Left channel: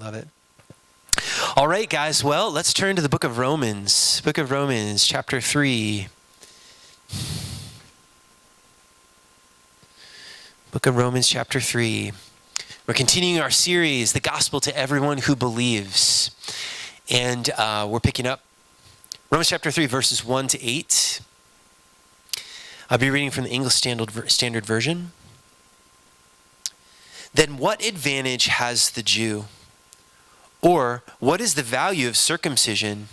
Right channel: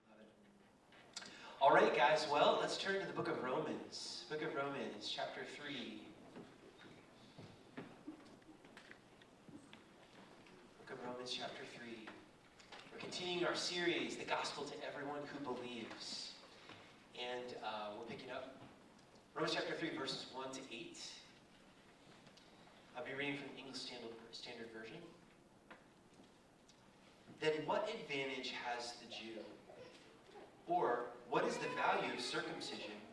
Love it. All right, guys. Well, let's turn to the book of Romans. Book of Romans, chapter 3. Book of Romans, chapter 3. We're continuing our series, The Gospel to Everyone Who Believes. And we're picking up Romans chapter 3, verses 1 to 8. I'll be reading from the English Standard Version. Then what advantage has the Jew? Or what is the value of circumcision?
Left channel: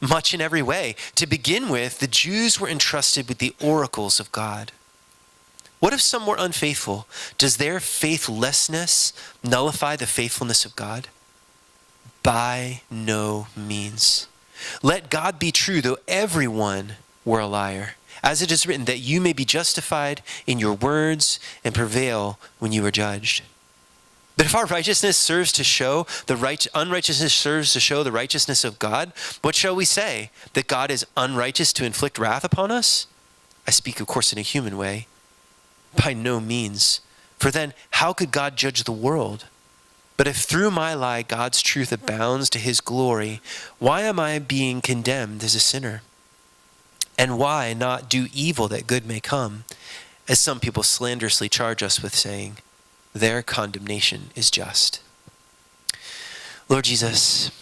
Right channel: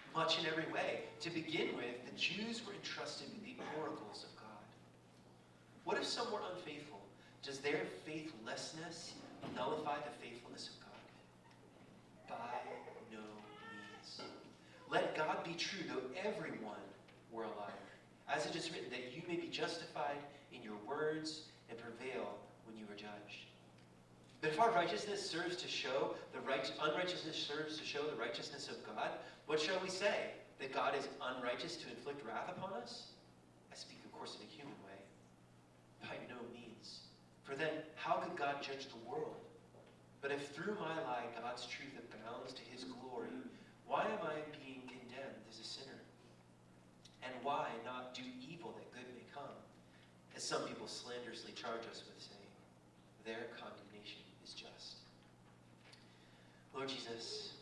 Much in every way. To begin with, the Jews were entrusted with the oracles of God. What if some were unfaithful? Does their faithlessness nullify the faithfulness of God? By no means. Let God be true, though everyone were a liar. As it is written, that you may be justified in your words and prevail when you are judged. But if our righteousness serves to show unrighteousness serves to show the righteousness of God, what shall we say? That God is unrighteous to inflict wrath upon us? I speak, of course, in a human way. By no means. For then, how could God judge the world? But if through my lie God's truth abounds to his glory, why am I being condemned as a sinner? And why not do evil that good may come? As some people slanderously charge us with saying, their condemnation is just. Lord Jesus,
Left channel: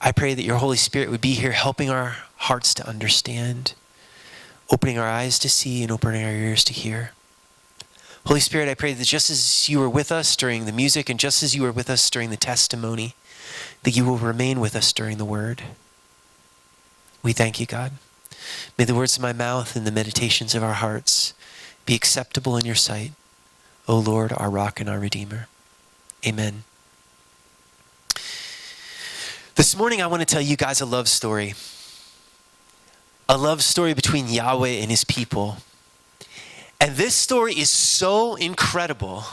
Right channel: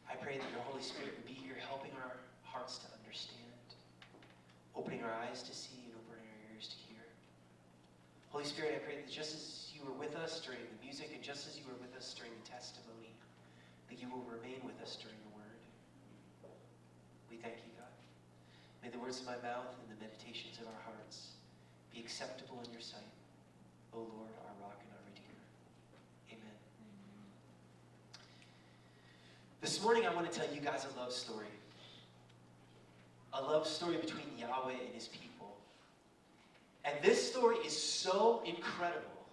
I pray that your Holy Spirit would be here helping our hearts to understand, opening our eyes to see and opening our ears to hear. Holy Spirit, I pray that just as you were with us during the music and just as you were with us during the testimony, that you will remain with us during the word. We thank you, God. May the words of my mouth and the meditations of our hearts be acceptable in your sight, O Lord, our rock and our redeemer. Amen. This morning, I want to tell you guys a love story. A love story between Yahweh and his people. And this story is so incredible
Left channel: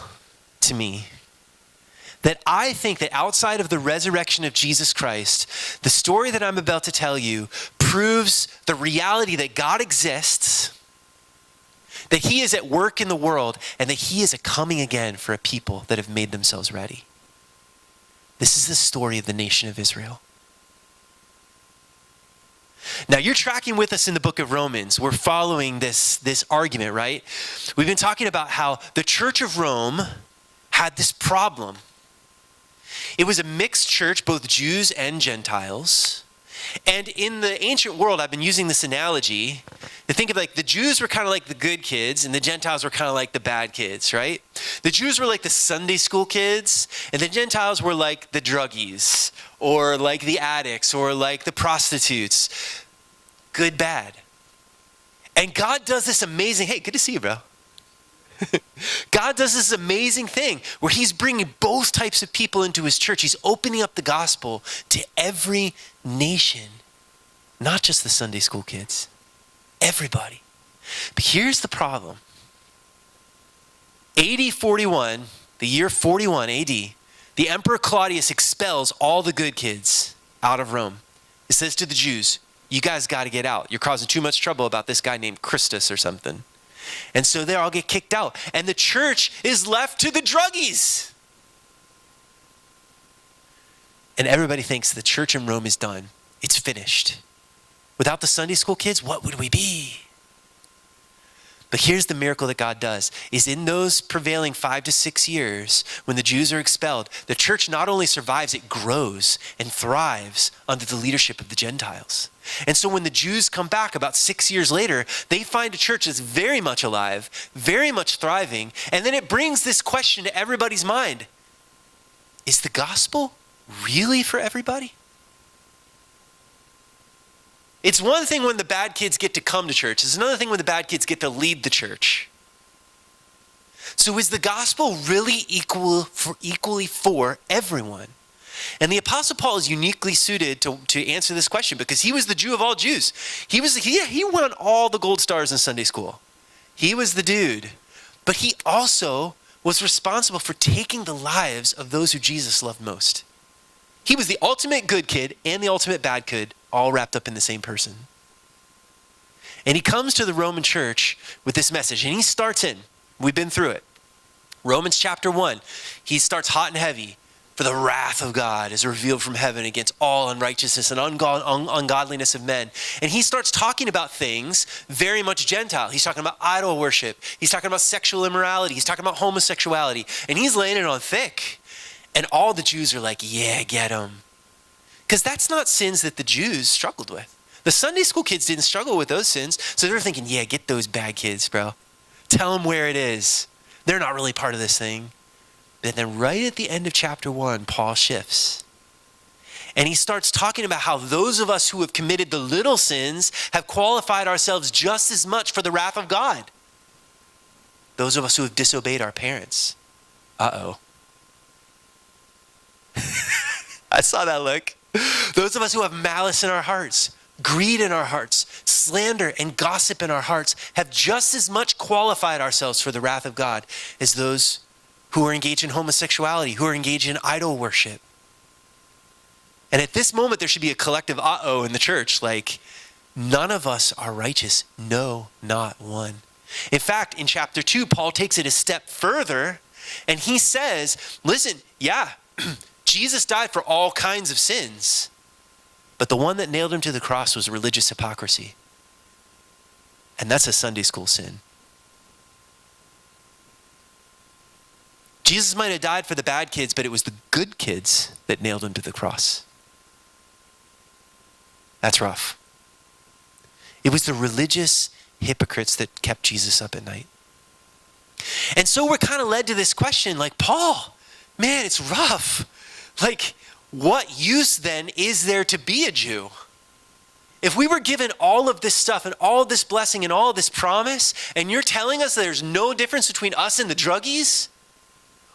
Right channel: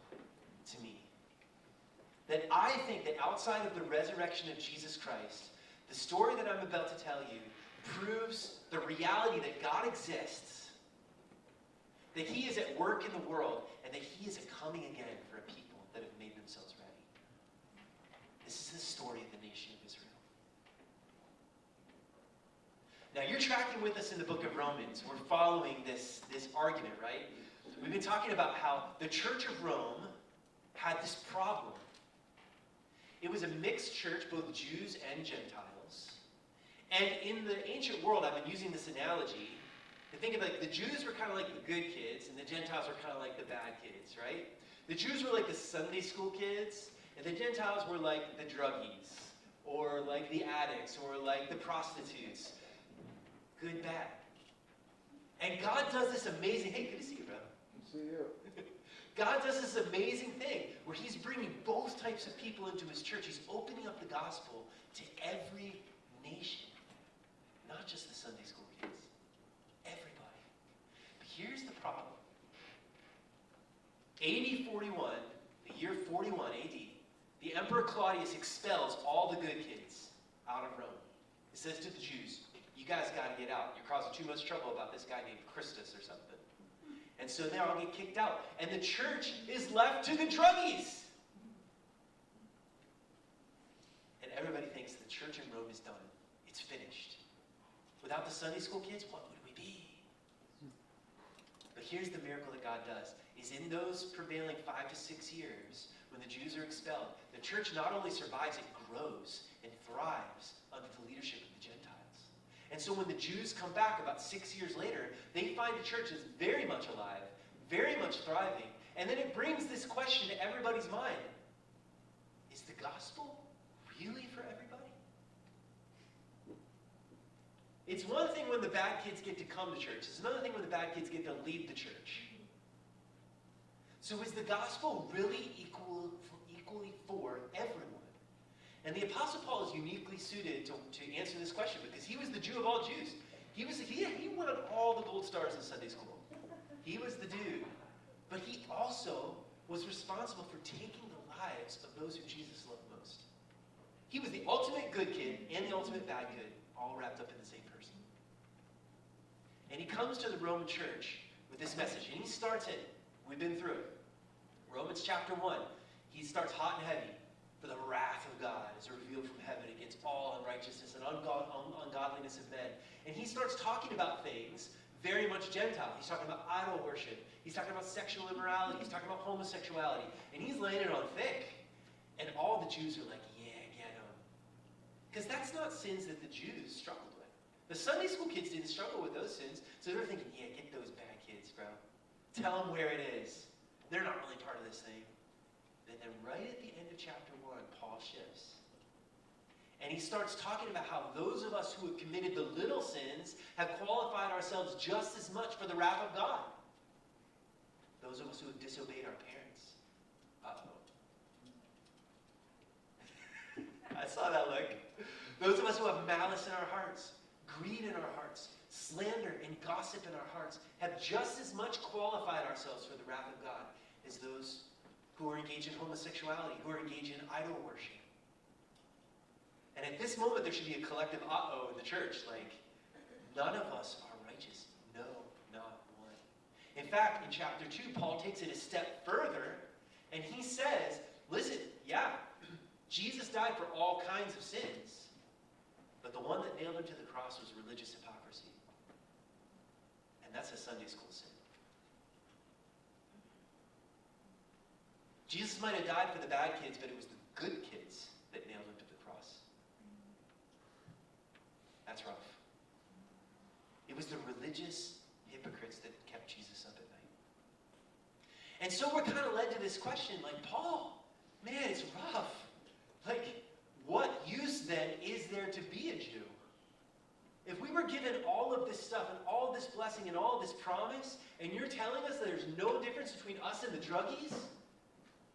to me that I think that outside of the resurrection of Jesus Christ, the story that I'm about to tell you proves the reality that God exists, that he is at work in the world, and that he is a coming again for a people that have made themselves ready. This is the story of the nation of Israel. Now, you're tracking with us in the book of Romans. We're following this argument, right? We've been talking about how the Church of Rome had this problem. It was a mixed church, both Jews and Gentiles. And in the ancient world, I've been using this analogy to think of like the Jews were kind of like the good kids and the Gentiles were kind of like the bad kids, right? The Jews were like the Sunday school kids and the Gentiles were like the druggies or like the addicts or like the prostitutes. Good, bad. And God does this amazing, hey, good to see you, bro. God does this amazing thing where he's bringing both types of people into his church. He's opening up the gospel to every nation, not just the Sunday school kids, everybody. But here's the problem. AD 41, the year 41 AD, the Emperor Claudius expels all the good kids out of Rome. It says to the Jews, you guys got to get out. You're causing too much trouble about this guy named Christus or something. And so they all get kicked out. And the church is left to the druggies. And everybody thinks the church in Rome is done. It's finished. Without the Sunday school kids, what would we be? But here's the miracle that God does, is in those prevailing 5 to 6 years, when the Jews are expelled, the church not only survives, it grows and thrives under the leadership of the Gentiles. And so when the Jews come back about 6 years later, they find a church that's very much alive, very much thriving, and then it brings this question to everybody's mind. Is the gospel really for everybody? It's one thing when the bad kids get to come to church. It's another thing when the bad kids get to lead the church. So is the gospel really equally for everyone? And the Apostle Paul is uniquely suited to answer this question because he was the Jew of all Jews. He won all the gold stars in Sunday school. He was the dude. But he also was responsible for taking the lives of those who Jesus loved most. He was the ultimate good kid and the ultimate bad kid, all wrapped up in the same person. And he comes to the Roman church with this message, and he starts in, we've been through it. Romans chapter 1, he starts hot and heavy. For the wrath of God is revealed from heaven against all unrighteousness and ungodliness of men. And he starts talking about things very much Gentile. He's talking about idol worship. He's talking about sexual immorality. He's talking about homosexuality. And he's laying it on thick. And all the Jews are like, yeah, get him. Because that's not sins that the Jews struggled with. The Sunday school kids didn't struggle with those sins. So they're thinking, yeah, get those bad kids, bro. Tell them where it is. They're not really part of this thing. And then right at the end of chapter 1, Paul shifts. And he starts talking about how those of us who have committed the little sins have qualified ourselves just as much for the wrath of God. Those of us who have disobeyed our parents. Uh-oh. I saw that look. Those of us who have malice in our hearts, greed in our hearts, slander and gossip in our hearts have just as much qualified ourselves for the wrath of God as those who are engaged in homosexuality, who are engaged in idol worship. And at this moment, there should be a collective uh-oh in the church, like, none of us are righteous. No, not one. In fact, in chapter 2, Paul takes it a step further, and he says, listen, yeah, Jesus died for all kinds of sins, but the one that nailed him to the cross was religious hypocrisy. And that's a Sunday school sin. Jesus might have died for the bad kids, but it was the good kids that nailed him to the cross. That's rough. It was the religious hypocrites that kept Jesus up at night. And so we're kind of led to this question, like, Paul, man, it's rough. Like, what use then is there to be a Jew? If we were given all of this stuff and all of this blessing and all of this promise, and you're telling us there's no difference between us and the druggies,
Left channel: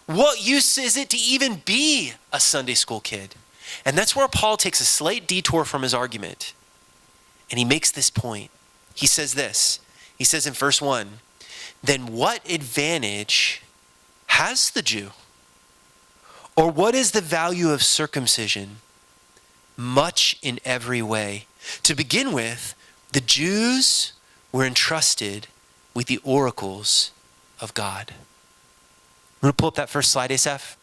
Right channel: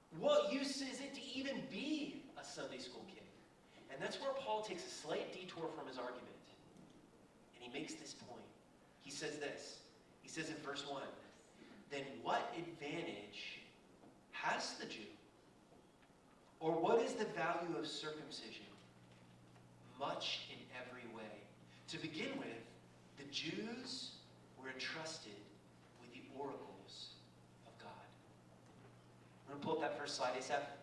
what use is it to even be a Sunday school kid? And that's where Paul takes a slight detour from his argument. And he makes this point. He says this. He says in verse 1, then what advantage has the Jew? Or what is the value of circumcision? Much in every way. To begin with, the Jews were entrusted with the oracles of God. I'm going to pull up that first slide, Asaph.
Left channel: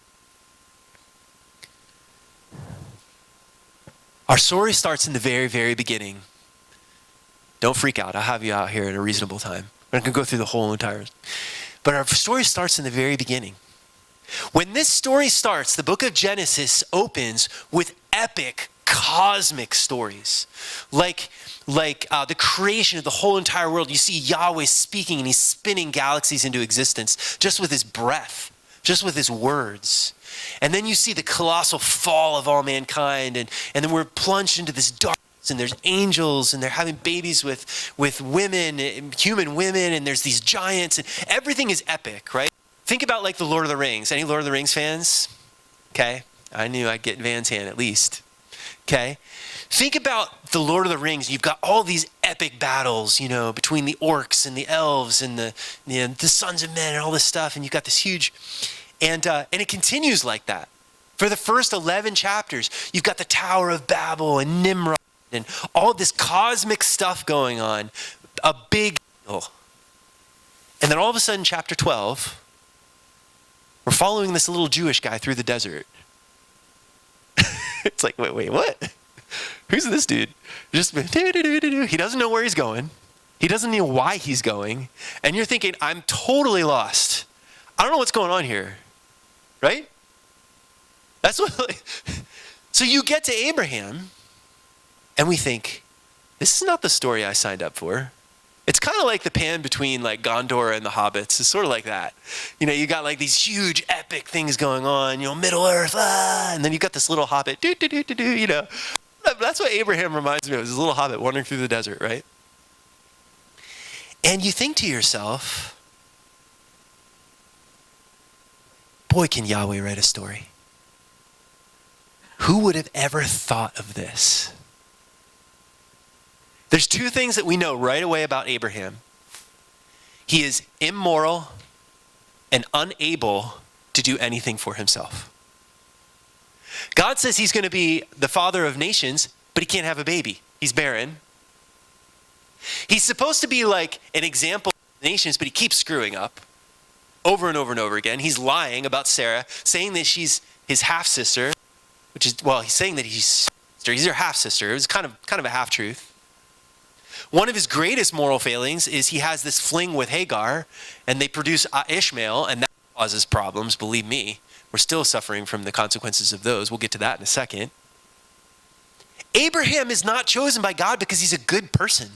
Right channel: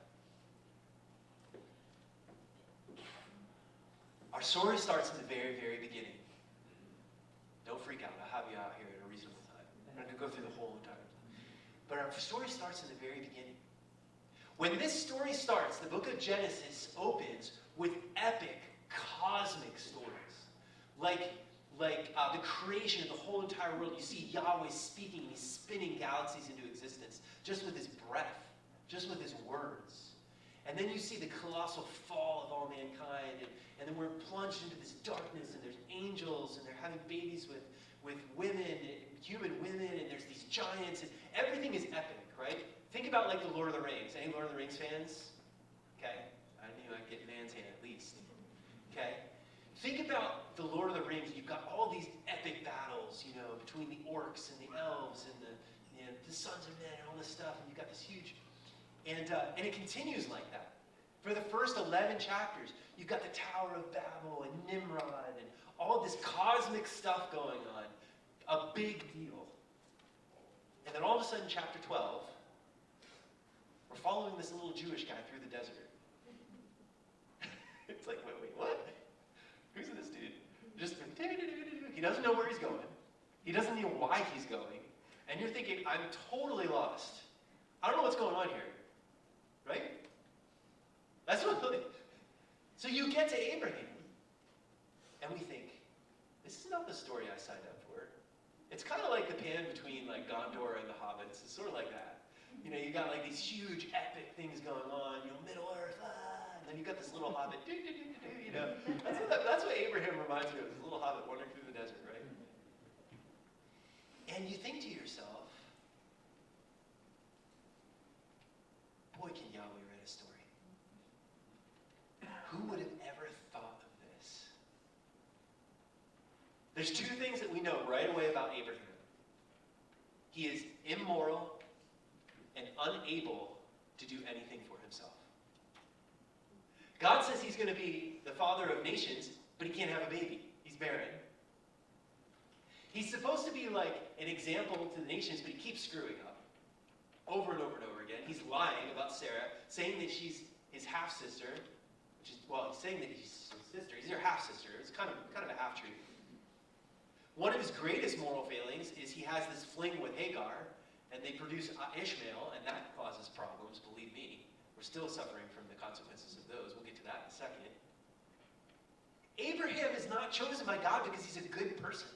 Our story starts in the very, very beginning. Don't freak out. I'll have you out here at a reasonable time. We're not going to go through the whole entire. But our story starts in the very beginning. When this story starts, the book of Genesis opens with epic cosmic stories. Like the creation of the whole entire world. You see Yahweh speaking and he's spinning galaxies into existence just with his breath, just with his words. And then you see the colossal fall of all mankind, and then we're plunged into this darkness, and there's angels, and they're having babies with women, human women, and there's these giants, and everything is epic, right? Think about like the Lord of the Rings. Any Lord of the Rings fans? Okay, I knew I'd get Van's hand at least. Okay, think about the Lord of the Rings. You've got all these epic battles, you know, between the orcs and the elves and the sons of men and all this stuff, and you've got this huge, and it continues like that. For the first 11 chapters, you've got the Tower of Babel and Nimrod and all this cosmic stuff going on, a big deal. And then all of a sudden, chapter 12, we're following this little Jewish guy through the desert. It's like, wait, what? Who's this dude? Just he doesn't know where he's going. He doesn't know why he's going. And you're thinking, I'm totally lost. I don't know what's going on here. Right? That's what. So you get to Abraham, and we think, this is not the story I signed up for. It's kind of like the pan between like Gondor and the Hobbits. It's sort of like that. You know, you got like these huge epic things going on, you know, Middle Earth, and then you got this little hobbit, you know. That's what Abraham reminds me of, is this little hobbit wandering through the desert, right? And you think to yourself, boy, can Yahweh write a story. Who would have ever thought of this? There's two things that we know right away about Abraham. He is immoral and unable to do anything for himself. God says he's going to be the father of nations, but he can't have a baby. He's barren. He's supposed to be like an example to the nations, but he keeps screwing up over and over and over again. He's lying about Sarah, saying that she's his half-sister, which is, well, he's saying that he's her half-sister. It was kind of a half-truth. One of his greatest moral failings is he has this fling with Hagar, and they produce Ishmael, and that causes problems, believe me. We're still suffering from the consequences of those. We'll get to that in a second. Abraham is not chosen by God because he's a good person.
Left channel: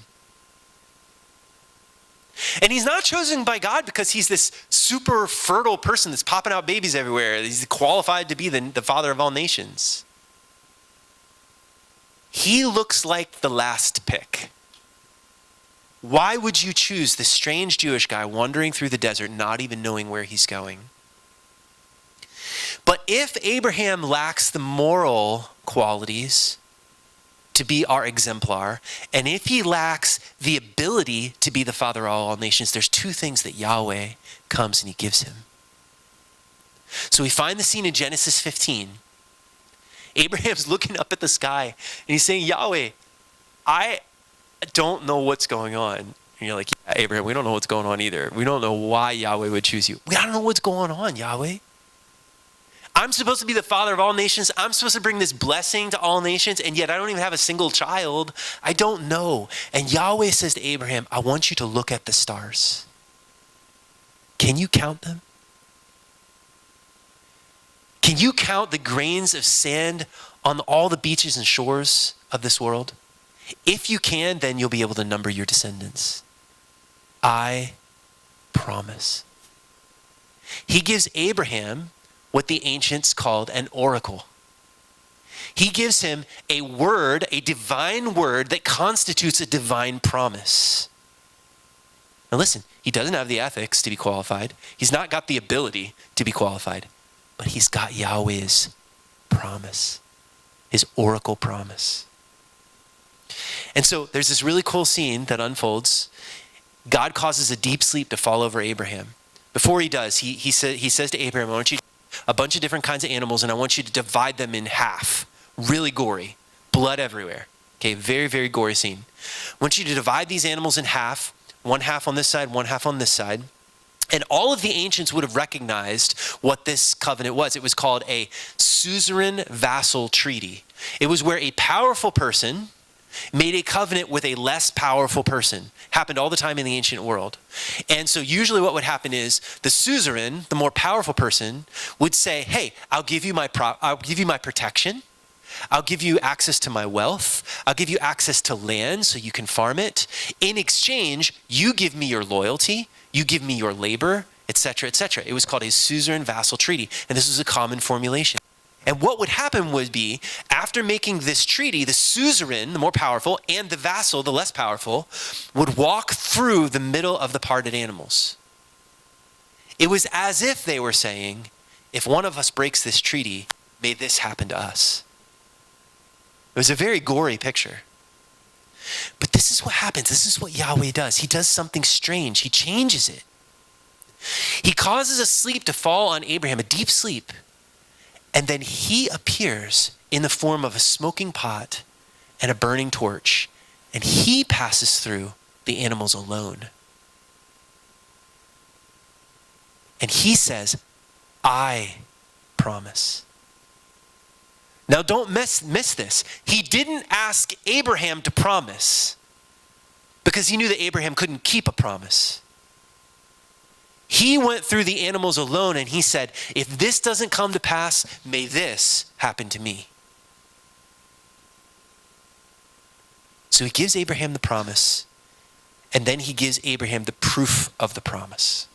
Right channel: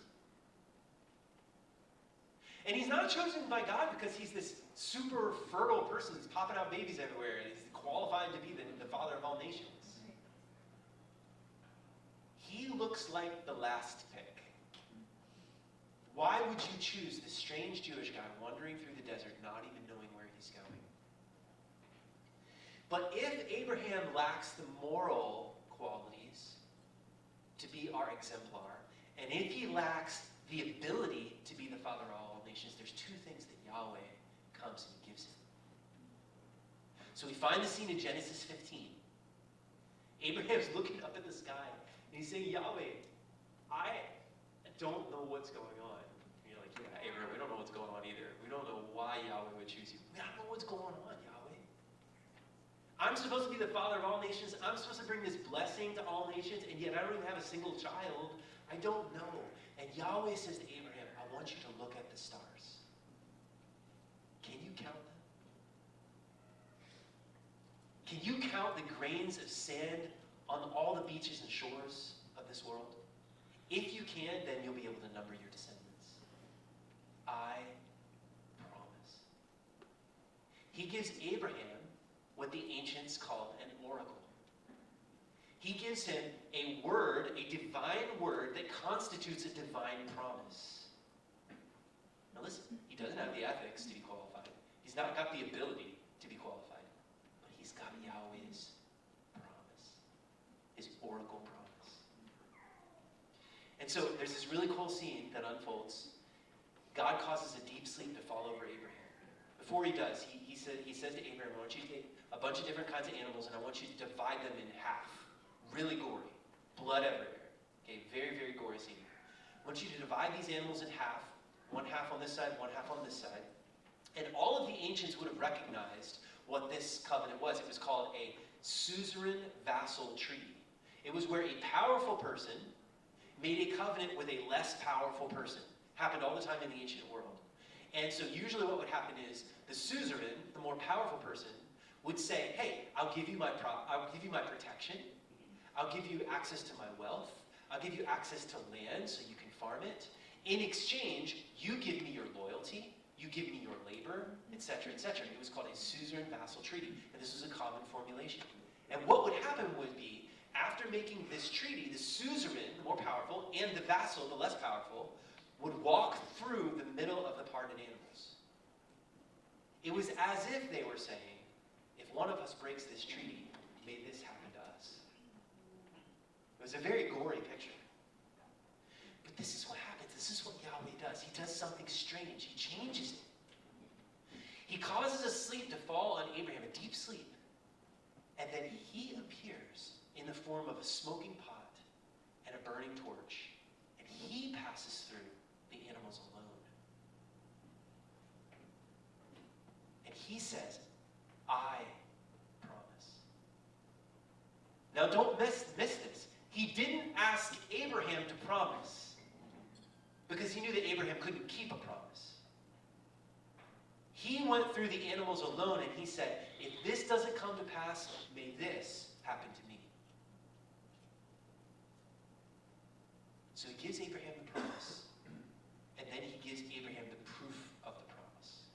And he's not chosen by God because he's this super fertile person that's popping out babies everywhere. He's qualified to be the father of all nations. He looks like the last pick. Why would you choose this strange Jewish guy wandering through the desert, not even knowing where he's going? But if Abraham lacks the moral qualities to be our exemplar, and if he lacks the ability to be the father of all nations, there's two things that Yahweh comes and he gives him. So we find the scene in Genesis 15. Abraham's looking up at the sky, and he's saying, Yahweh, I don't know what's going on. And you're like, yeah, Abraham, we don't know what's going on either. We don't know why Yahweh would choose you. We don't know what's going on, Yahweh. I'm supposed to be the father of all nations. I'm supposed to bring this blessing to all nations, and yet I don't even have a single child. I don't know. And Yahweh says to Abraham, I want you to look at the stars. Can you count them? Can you count the grains of sand on all the beaches and shores of this world? If you can, then you'll be able to number your descendants. I promise. He gives Abraham what the ancients called an oracle. He gives him a word, a divine word that constitutes a divine promise. Now listen, he doesn't have the ethics to be qualified. He's not got the ability to be qualified, but he's got Yahweh's promise, his oracle promise. And so there's this really cool scene that unfolds. God causes a deep sleep to fall over Abraham. Before he does, he says to Abraham, I want you to take a bunch of different kinds of animals, and I want you to divide them in half. Really gory. Blood everywhere. Okay, very, very gory scene. I want you to divide these animals in half, one half on this side, one half on this side. And all of the ancients would have recognized what this covenant was. It was called a suzerain vassal treaty. It was where a powerful person made a covenant with a less powerful person. Happened all the time in the ancient world. And so usually what would happen is the suzerain, the more powerful person, would say, hey, I'll give you my protection. I'll give you access to my wealth. I'll give you access to land so you can farm it. In exchange, you give me your loyalty. You give me your labor, etc., etc. It was called a suzerain vassal treaty. And this was a common formulation. And what would happen would be, after making this treaty, the suzerain, the more powerful, and the vassal, the less powerful, would walk through the middle of the parted animals. It was as if they were saying, if one of us breaks this treaty, may this happen to us. It was a very gory picture. But this is what happens. This is what Yahweh does. He does something strange. He changes it. He causes a sleep to fall on Abraham, a deep sleep. And then he appears in the form of a smoking pot and a burning torch, and he passes through the animals alone. And he says, I promise. Now don't miss this. He didn't ask Abraham to promise because he knew that Abraham couldn't keep a promise. He went through the animals alone and he said, if this doesn't come to pass, may this happen to me. So he gives Abraham the promise, and then he gives Abraham the proof of the promise.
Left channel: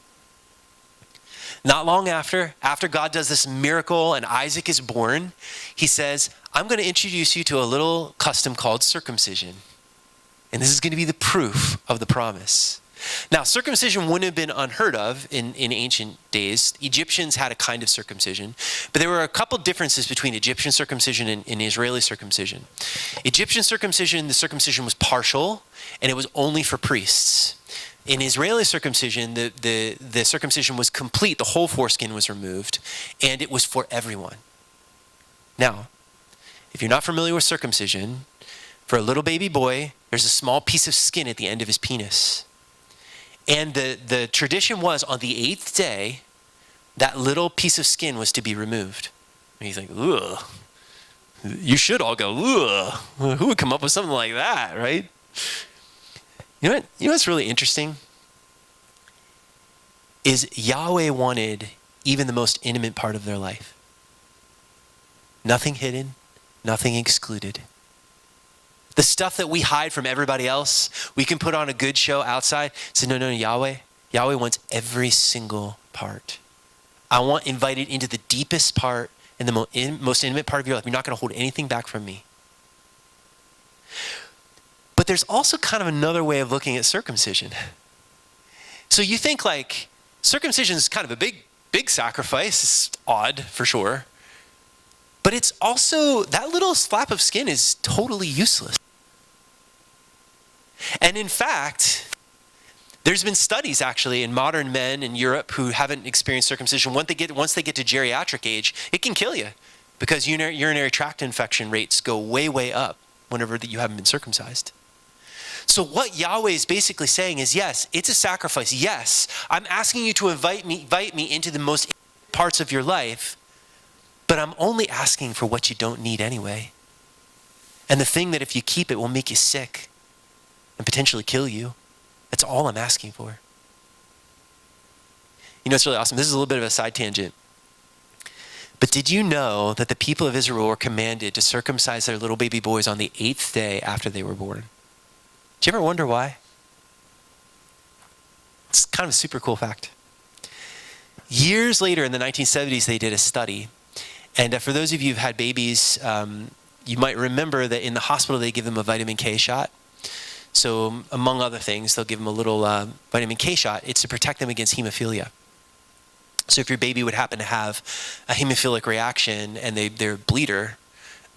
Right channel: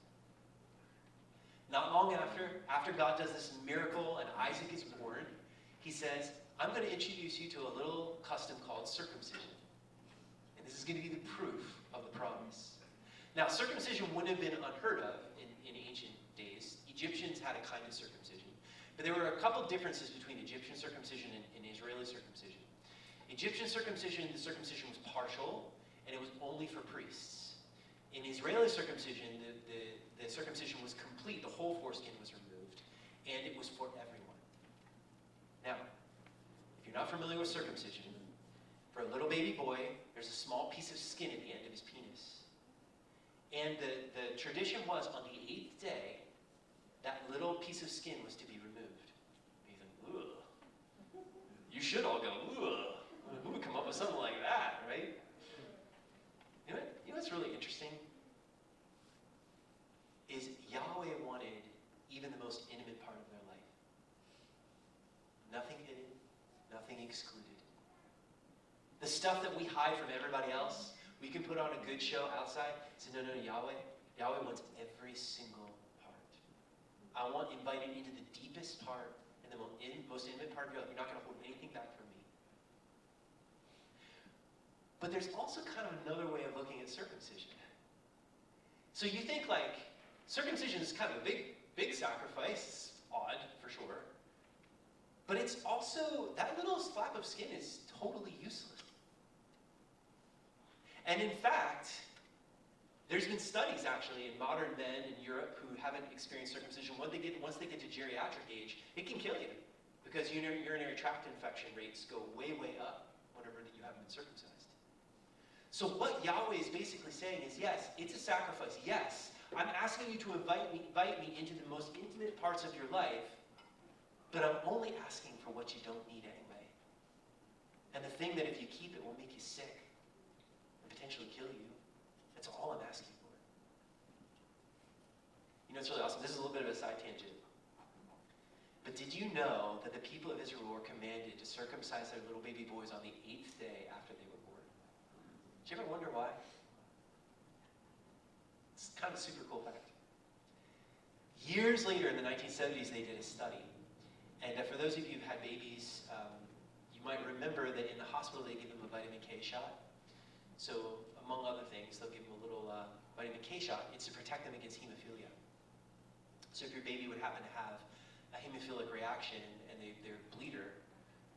Not long after God does this miracle and Isaac is born, he says, I'm going to introduce you to a little custom called circumcision. And this is going to be the proof of the promise. Now, circumcision wouldn't have been unheard of in ancient days. Egyptians had a kind of circumcision, but there were a couple differences between Egyptian circumcision and Israeli circumcision. Egyptian circumcision, the circumcision was partial, and it was only for priests. In Israeli circumcision, the circumcision was complete. The whole foreskin was removed, and it was for everyone. Now, if you're not familiar with circumcision, for a little baby boy, there's a small piece of skin at the end of his penis. And the tradition was on the 8th day, that little piece of skin was to be removed. And he's like, ugh. You should all go, ugh. Who would come up with something like that, right? You know what's really interesting? Is Yahweh wanted even the most intimate part of their life. Nothing hidden, nothing excluded. The stuff that we hide from everybody else, we can put on a good show outside. Say, no, Yahweh wants every single part. I want invited into the deepest part and the most intimate part of your life. You're not going to hold anything back from me. But there's also kind of another way of looking at circumcision. So you think like circumcision is kind of a big sacrifice. It's odd for sure. But it's also, that little flap of skin is totally useless. And in fact, there's been studies actually in modern men in Europe who haven't experienced circumcision. Once they get to geriatric age, it can kill you because urinary tract infection rates go way, way up whenever you haven't been circumcised. So what Yahweh is basically saying is, yes, it's a sacrifice. Yes, I'm asking you to invite me into the most intimate parts of your life, but I'm only asking for what you don't need anyway. And the thing that if you keep it will make you sick and potentially kill you. That's all I'm asking for. You know, it's really awesome. This is a little bit of a side tangent. But did you know that the people of Israel were commanded to circumcise their little baby boys on the 8th day after they were born? Did you ever wonder why? It's kind of a super cool fact. Years later in the 1970s, they did a study. And for those of you who've had babies, you might remember that in the hospital, they give them a vitamin K shot. So among other things, they'll give them a little vitamin K shot. It's to protect them against hemophilia. So if your baby would happen to have a hemophilic reaction and they're a bleeder,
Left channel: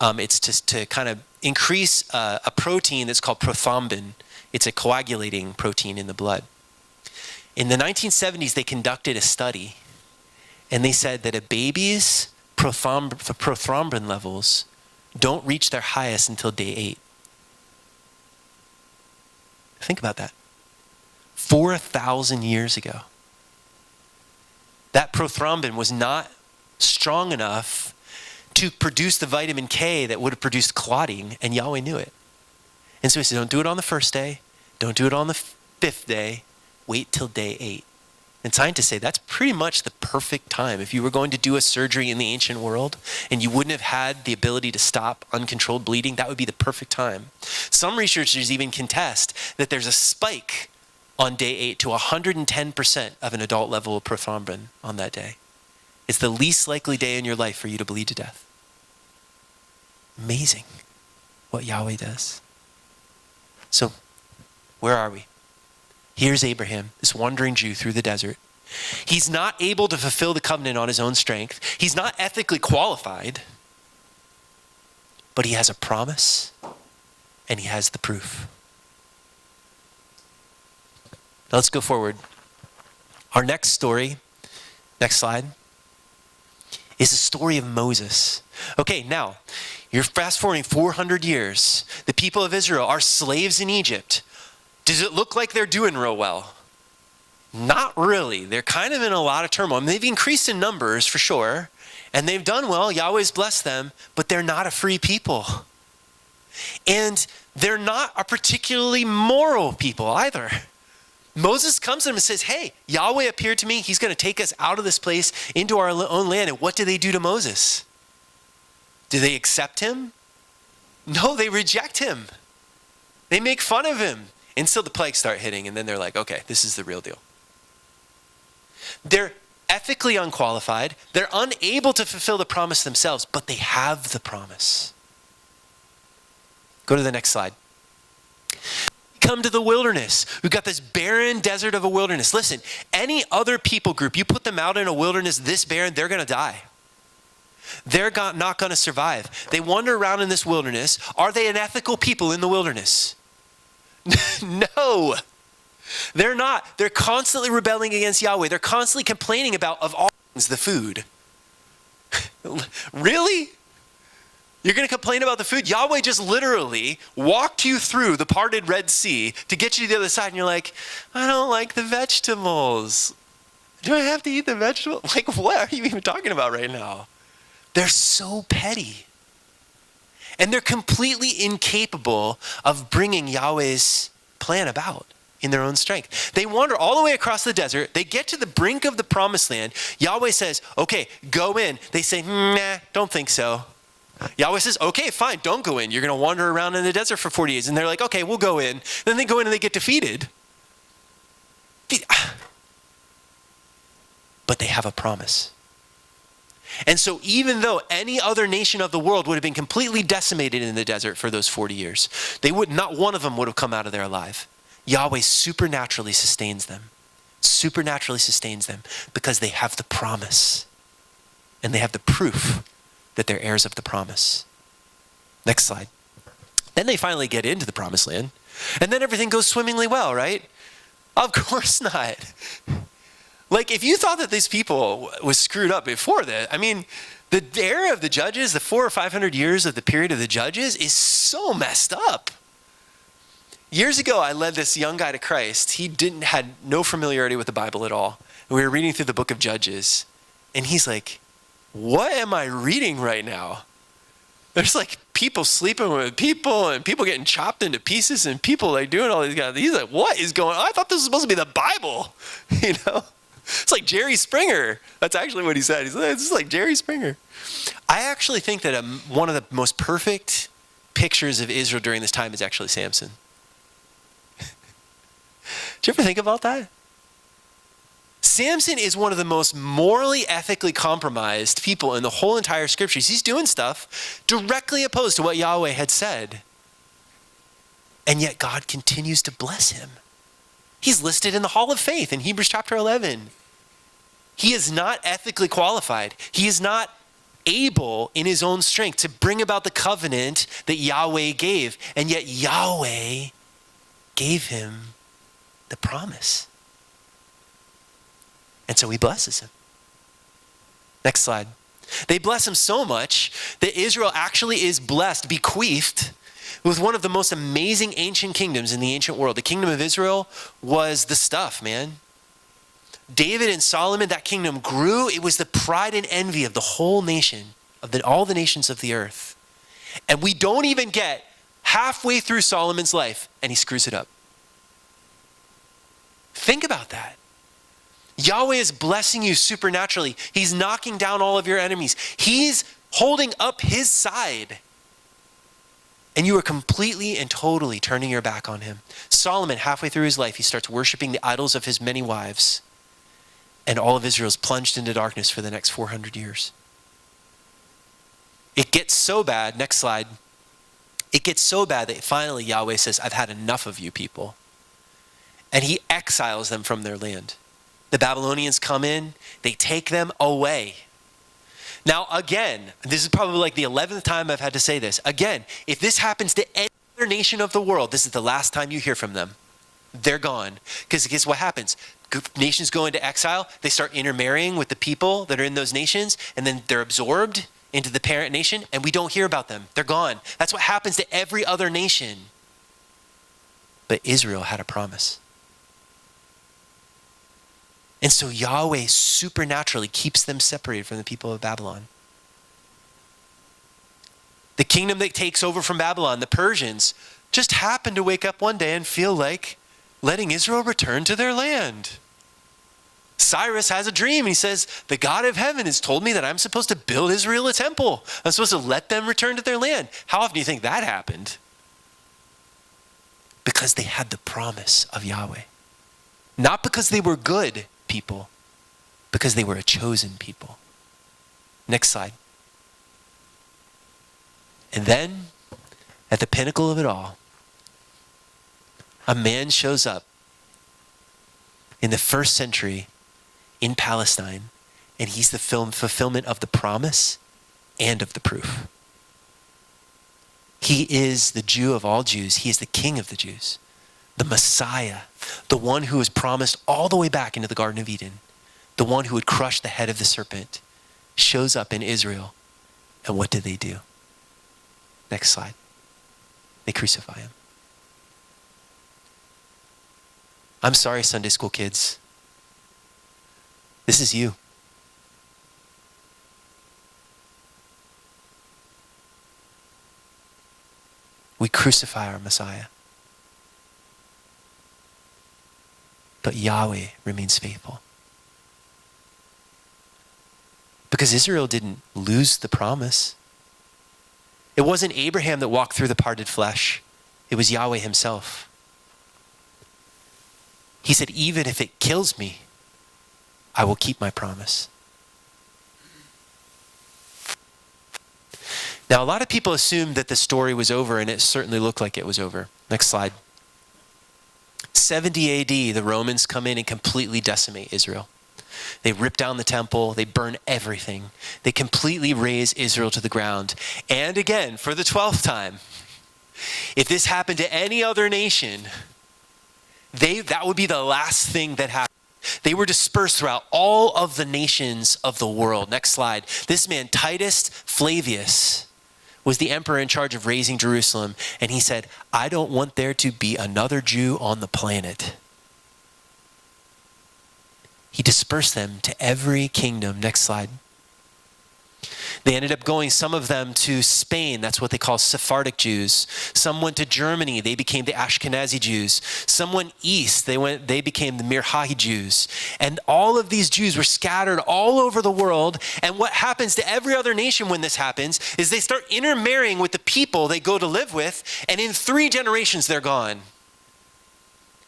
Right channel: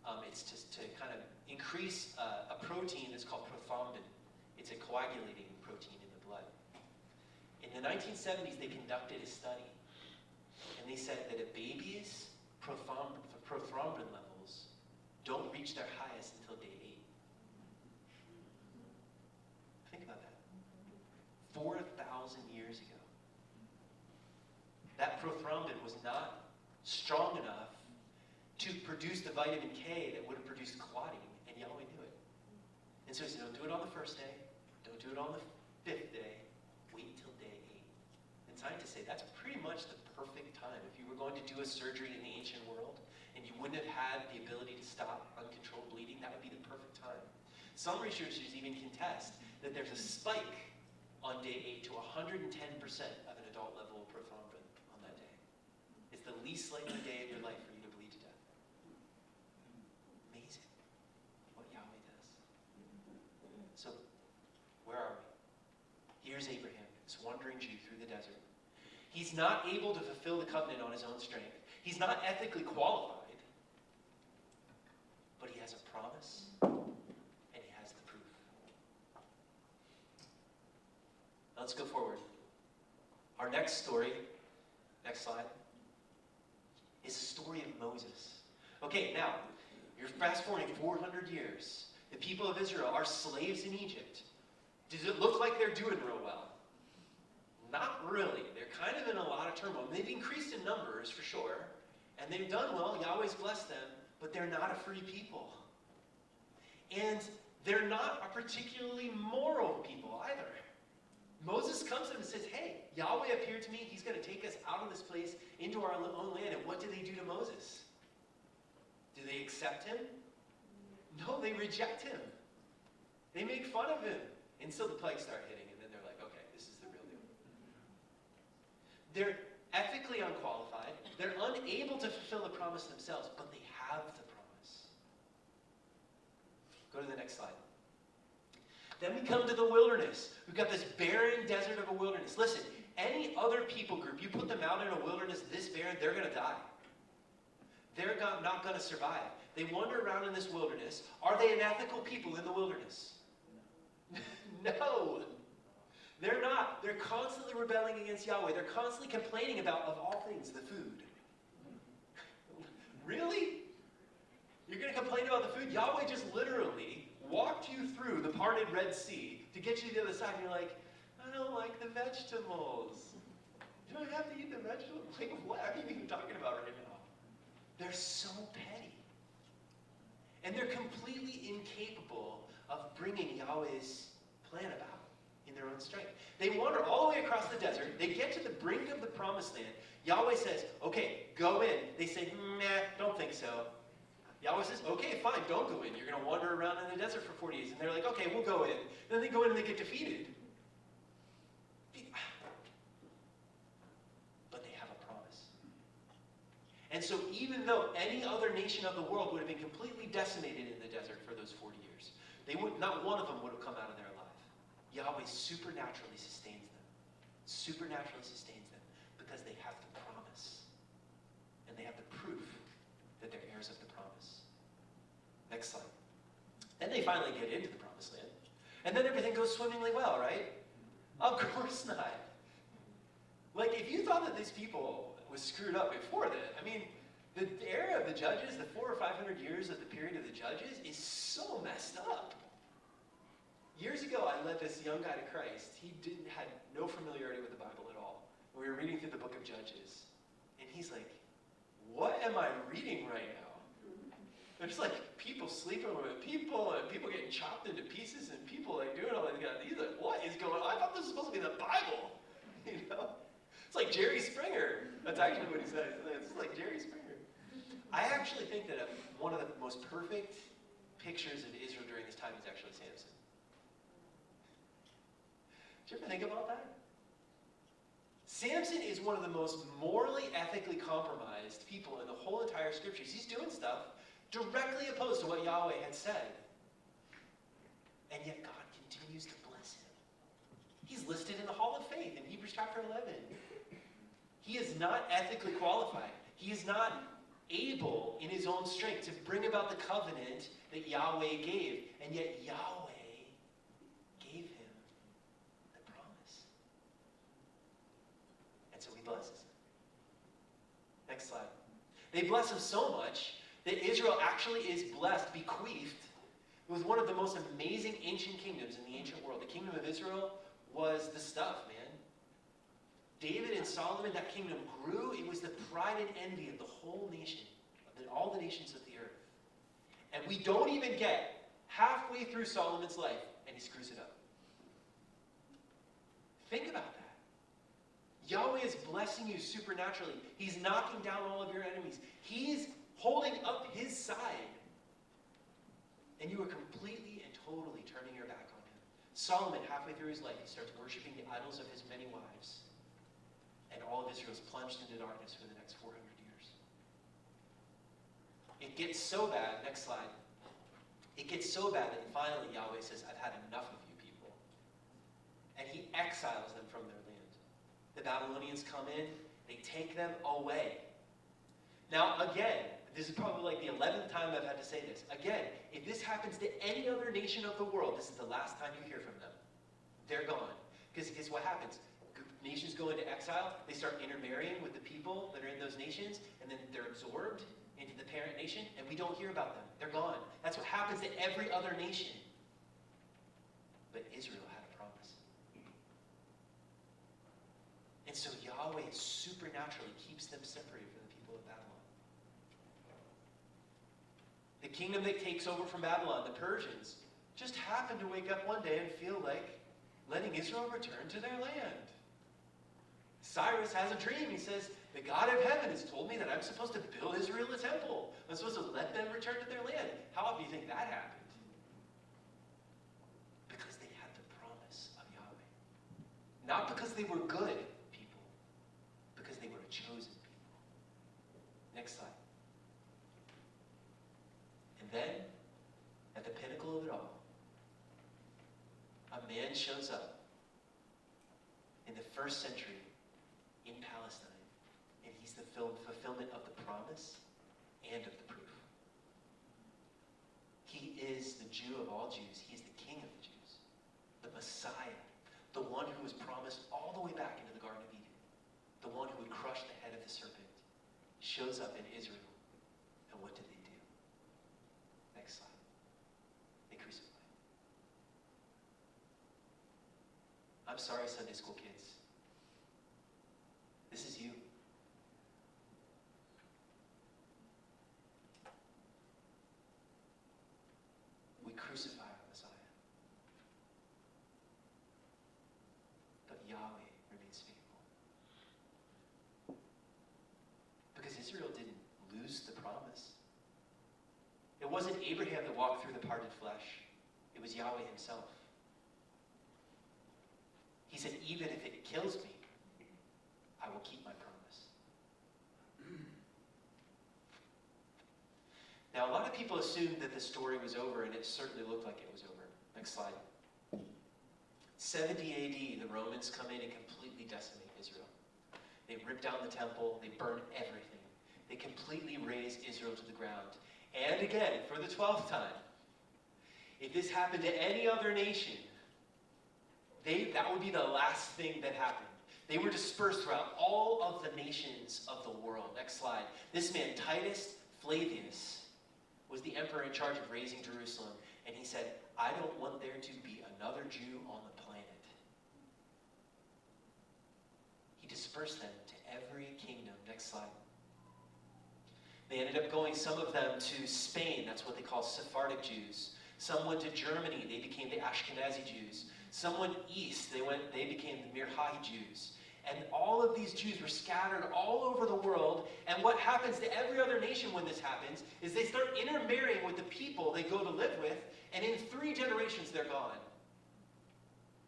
it's to kind of increase a protein that's called prothrombin. It's a coagulating protein in the blood. In the 1970s, they conducted a study, and they said that a baby's prothrombin levels don't reach their highest until day 8. Think about that. 4,000 years ago. That prothrombin was not strong enough to produce the vitamin K that would have produced clotting, and Yahweh knew it. And so he said, don't do it on the first day. Don't do it on the 5th day. Wait till day 8. And scientists say that's pretty much the perfect time. If you were going to do a surgery in the ancient world and you wouldn't have had the ability to stop uncontrolled bleeding, that would be the perfect time. Some researchers even contest that there's a spike on day 8 to 110% of an adult level of prothrombin on that day. It's the least likely day in your life for you to bleed to death. Amazing what Yahweh does. So, where are we? Here's Abraham, this wandering Jew through the desert. He's not able to fulfill the covenant on his own strength. He's not ethically qualified, but he has a promise and he has the proof. Now let's go forward. Our next story, next slide, is the story of Moses. Okay, now, you're fast forwarding 400 years. The people of Israel are slaves in Egypt. Does it look like they're doing real well? Not really. They're kind of in a lot of turmoil. I mean, they've increased in numbers for sure, and they've done well. Yahweh's blessed them, but they're not a free people. And they're not a particularly moral people either. Moses comes to them and says, hey, Yahweh appeared to me. He's going to take us out of this place into our own land. And what do they do to Moses? Do they accept him? No, they reject him. They make fun of him. Until the plagues start hitting, and then they're like, okay, this is the real deal. They're ethically unqualified. They're unable to fulfill the promise themselves, but they have the promise. Go to the next slide. Then we come to the wilderness. We've got this barren desert of a wilderness. Listen, any other people group, you put them out in a wilderness this barren, they're going to die. They're not going to survive. They wander around in this wilderness. Are they an ethical people in the wilderness? No, they're not. They're constantly rebelling against Yahweh. They're constantly complaining about, of all things, the food. Really? You're going to complain about the food? Yahweh just literally walked you through the parted Red Sea to get you to the other side, and you're like, I don't like the vegetables. Do I have to eat the vegetables? Like, what are you even talking about right now? They're so petty. And they're completely incapable of bringing Yahweh's plan about in their own strength. They wander all the way across the desert. They get to the brink of the promised land. Yahweh says, okay, go in. They say, nah, don't think so. Yahweh says, okay, fine, don't go in. You're going to wander around in the desert for 40 days. And they're like, okay, we'll go in. Then they go in and they get defeated. But they have a promise. And so even though any other nation of the world would have been completely decimated in the desert for those 40 years, not one of them would have come out of there alive. Yahweh supernaturally sustains them. Supernaturally sustains them because they have the promise. And they have the proof that they're heirs of the promise. Next slide. Then they finally get into the promised land. And then everything goes swimmingly well, right? Of course not. Like, if you thought that these people was screwed up before that, I mean, the era of the judges, the 400 or 500 years of the period of the judges is so messed up. Years ago, I led this young guy to Christ. He had no familiarity with the Bible at all. And we were reading through the book of Judges. And he's like, what am I reading right now? There's like people sleeping with people and people getting chopped into pieces and people like doing all these guys. He's like, what is going on? I thought this was supposed to be the Bible, you know? It's like Jerry Springer. That's actually what he said. He's like, it's like Jerry Springer. I actually think that one of the most perfect pictures of Israel during this time is actually Samson. Did you ever think about that? Samson is one of the most morally, ethically compromised people in the whole entire scriptures. He's doing stuff directly opposed to what Yahweh had said. And yet God continues to bless him. He's listed in the Hall of Faith in Hebrews chapter 11. He is not ethically qualified. He is not able in his own strength to bring about the covenant that Yahweh gave. And yet Yahweh gave him the promise. And so he blesses him. Next slide. They bless him so much that Israel actually is blessed, bequeathed, with one of the most amazing ancient kingdoms in the ancient world. The kingdom of Israel was the stuff, man. David and Solomon, that kingdom grew. It was the pride and envy of the whole nation, all the nations of the earth. And we don't even get halfway through Solomon's life, and he screws it up. Think about that. Yahweh is blessing you supernaturally. He's knocking down all of your enemies. He's holding up his side. And you are completely and totally turning your back on him. Solomon, halfway through his life, he starts worshiping the idols of his many wives. And all of Israel is plunged into darkness for the next 400 years. It gets so bad, next slide. It gets so bad that finally Yahweh says, I've had enough of you people. And he exiles them from their land. The Babylonians come in, they take them away. Now, again, this is probably like the 11th time I've had to say this. Again, if this happens to any other nation of the world, this is the last time you hear from them. They're gone. Because guess what happens? Nations go into exile. They start intermarrying with the people that are in those nations, and then they're absorbed into the parent nation, and we don't hear about them. They're gone. That's what happens to every other nation. But Israel had a promise. And so Yahweh supernaturally keeps them separated from the people of Babylon. The kingdom that takes over from Babylon, the Persians, just happen to wake up one day and feel like letting Israel return to their land. Cyrus has a dream. He says, the God of heaven has told me that I'm supposed to build Israel a temple. I'm supposed to let them return to their land. How often do you think that happened? Because they had the promise of Yahweh. Not because they were good people, because they were a chosen people. Next slide. And then, at the pinnacle of it all, a man shows up in the first century in Palestine, and he's the fulfillment of the promise and of the proof. He is the Jew of all Jews. He is the King of the Jews, the Messiah, the one who was promised all the way back into the Garden of Eden, the one who would crush the head of the serpent, shows up in Israel. And what do? Next slide. They crucify him. I'm sorry, Sunday school kids. This is you. crucify our Messiah. But Yahweh remains faithful. Because Israel didn't lose the promise. It wasn't Abraham that walked through the parted flesh. It was Yahweh himself. He said, even if it kills me, I will keep my promise. Now, a lot of people assumed that the story was over, and it certainly looked like it was over. Next slide. 70 AD, the Romans come in and completely decimate Israel. They rip down the temple. They burn everything. They completely raze Israel to the ground. And again, for the 12th time, if this happened to any other nation, that would be the last thing that happened. They were dispersed throughout all of the nations of the world. Next slide. This man, Titus Flavius, was the emperor in charge of razing Jerusalem. And he said, I don't want there to be another Jew on the planet. He dispersed them to every kingdom. Next slide. They ended up going, some of them, to Spain. That's what they call Sephardic Jews. Some went to Germany. They became the Ashkenazi Jews. Some went east. They became the Mirhahi Jews. And all of these Jews were scattered all over the world. And what happens to every other nation when this happens is they start intermarrying with the people they go to live with. And in 3 generations, they're gone.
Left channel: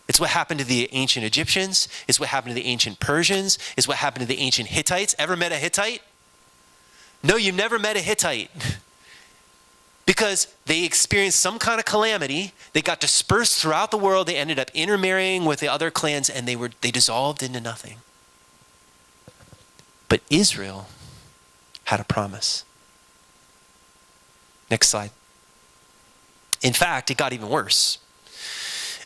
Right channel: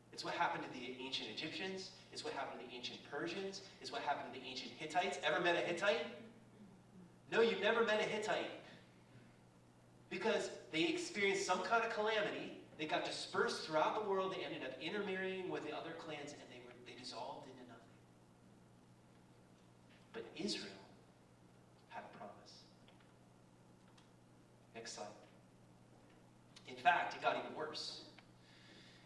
It's what happened to the ancient Egyptians. It's what happened to the ancient Persians. It's what happened to the ancient Hittites. Ever met a Hittite? No, you never met a Hittite. Because they experienced some kind of calamity. They got dispersed throughout the world. They ended up intermarrying with the other clans, and they dissolved into nothing. But Israel had a promise. Next slide. In fact, it got even worse.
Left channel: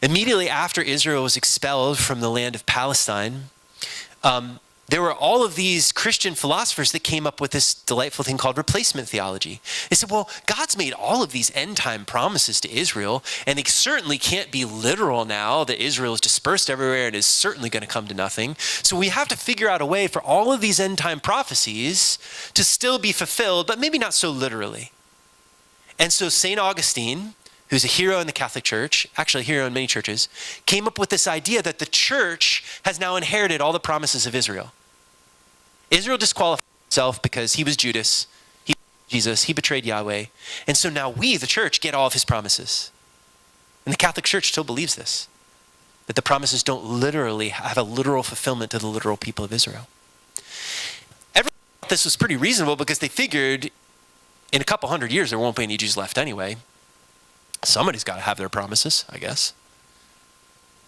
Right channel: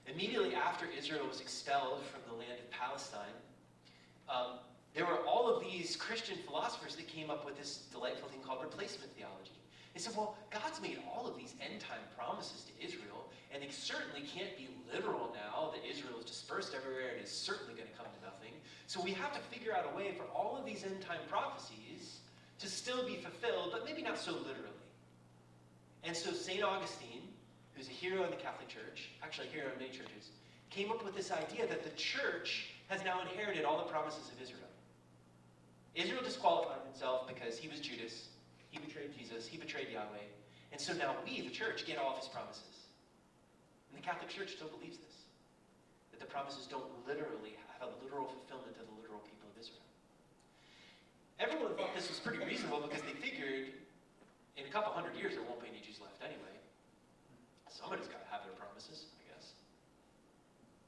Immediately after Israel was expelled from the land of Palestine, there were all of these Christian philosophers that came up with this delightful thing called replacement theology. They said, well, God's made all of these end-time promises to Israel, and they certainly can't be literal now that Israel is dispersed everywhere and is certainly going to come to nothing. So we have to figure out a way for all of these end-time prophecies to still be fulfilled, but maybe not so literally. And so St. Augustine, who's a hero in the Catholic Church, actually a hero in many churches, came up with this idea that the church has now inherited all the promises of Israel. Israel disqualified himself because he was Judas, he betrayed Jesus, he betrayed Yahweh. And so now we, the church, get all of his promises. And the Catholic Church still believes this, that the promises don't literally have a literal fulfillment to the literal people of Israel. Everyone thought this was pretty reasonable because they figured in a couple hundred years there won't be any Jews left anyway. Somebody's got to have their promises, I guess.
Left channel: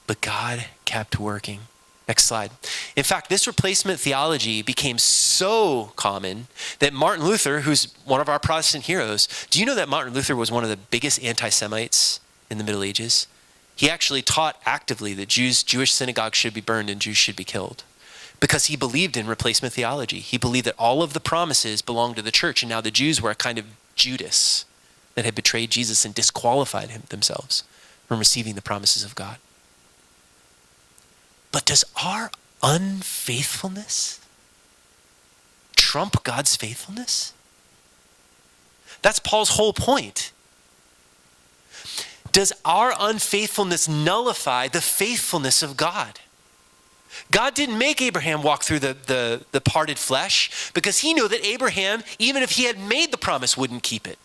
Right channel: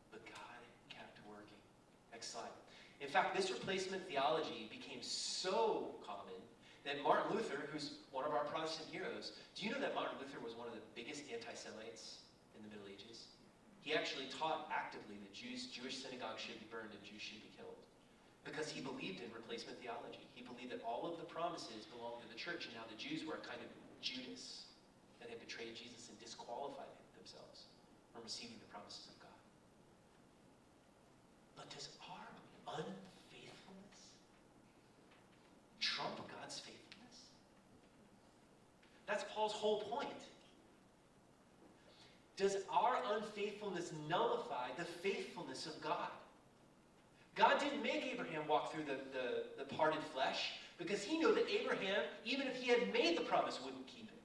But God kept working. Next slide. In fact, this replacement theology became so common that Martin Luther, who's one of our Protestant heroes, do you know that Martin Luther was one of the biggest anti-Semites in the Middle Ages? He actually taught actively that Jewish synagogues should be burned and Jews should be killed because he believed in replacement theology. He believed that all of the promises belonged to the church, and now the Jews were a kind of Judas that had betrayed Jesus and disqualified themselves from receiving the promises of God. But does our unfaithfulness trump God's faithfulness? That's Paul's whole point. Does our unfaithfulness nullify the faithfulness of God? God didn't make Abraham walk through the parted flesh because he knew that Abraham, even if he had made the promise, wouldn't keep it.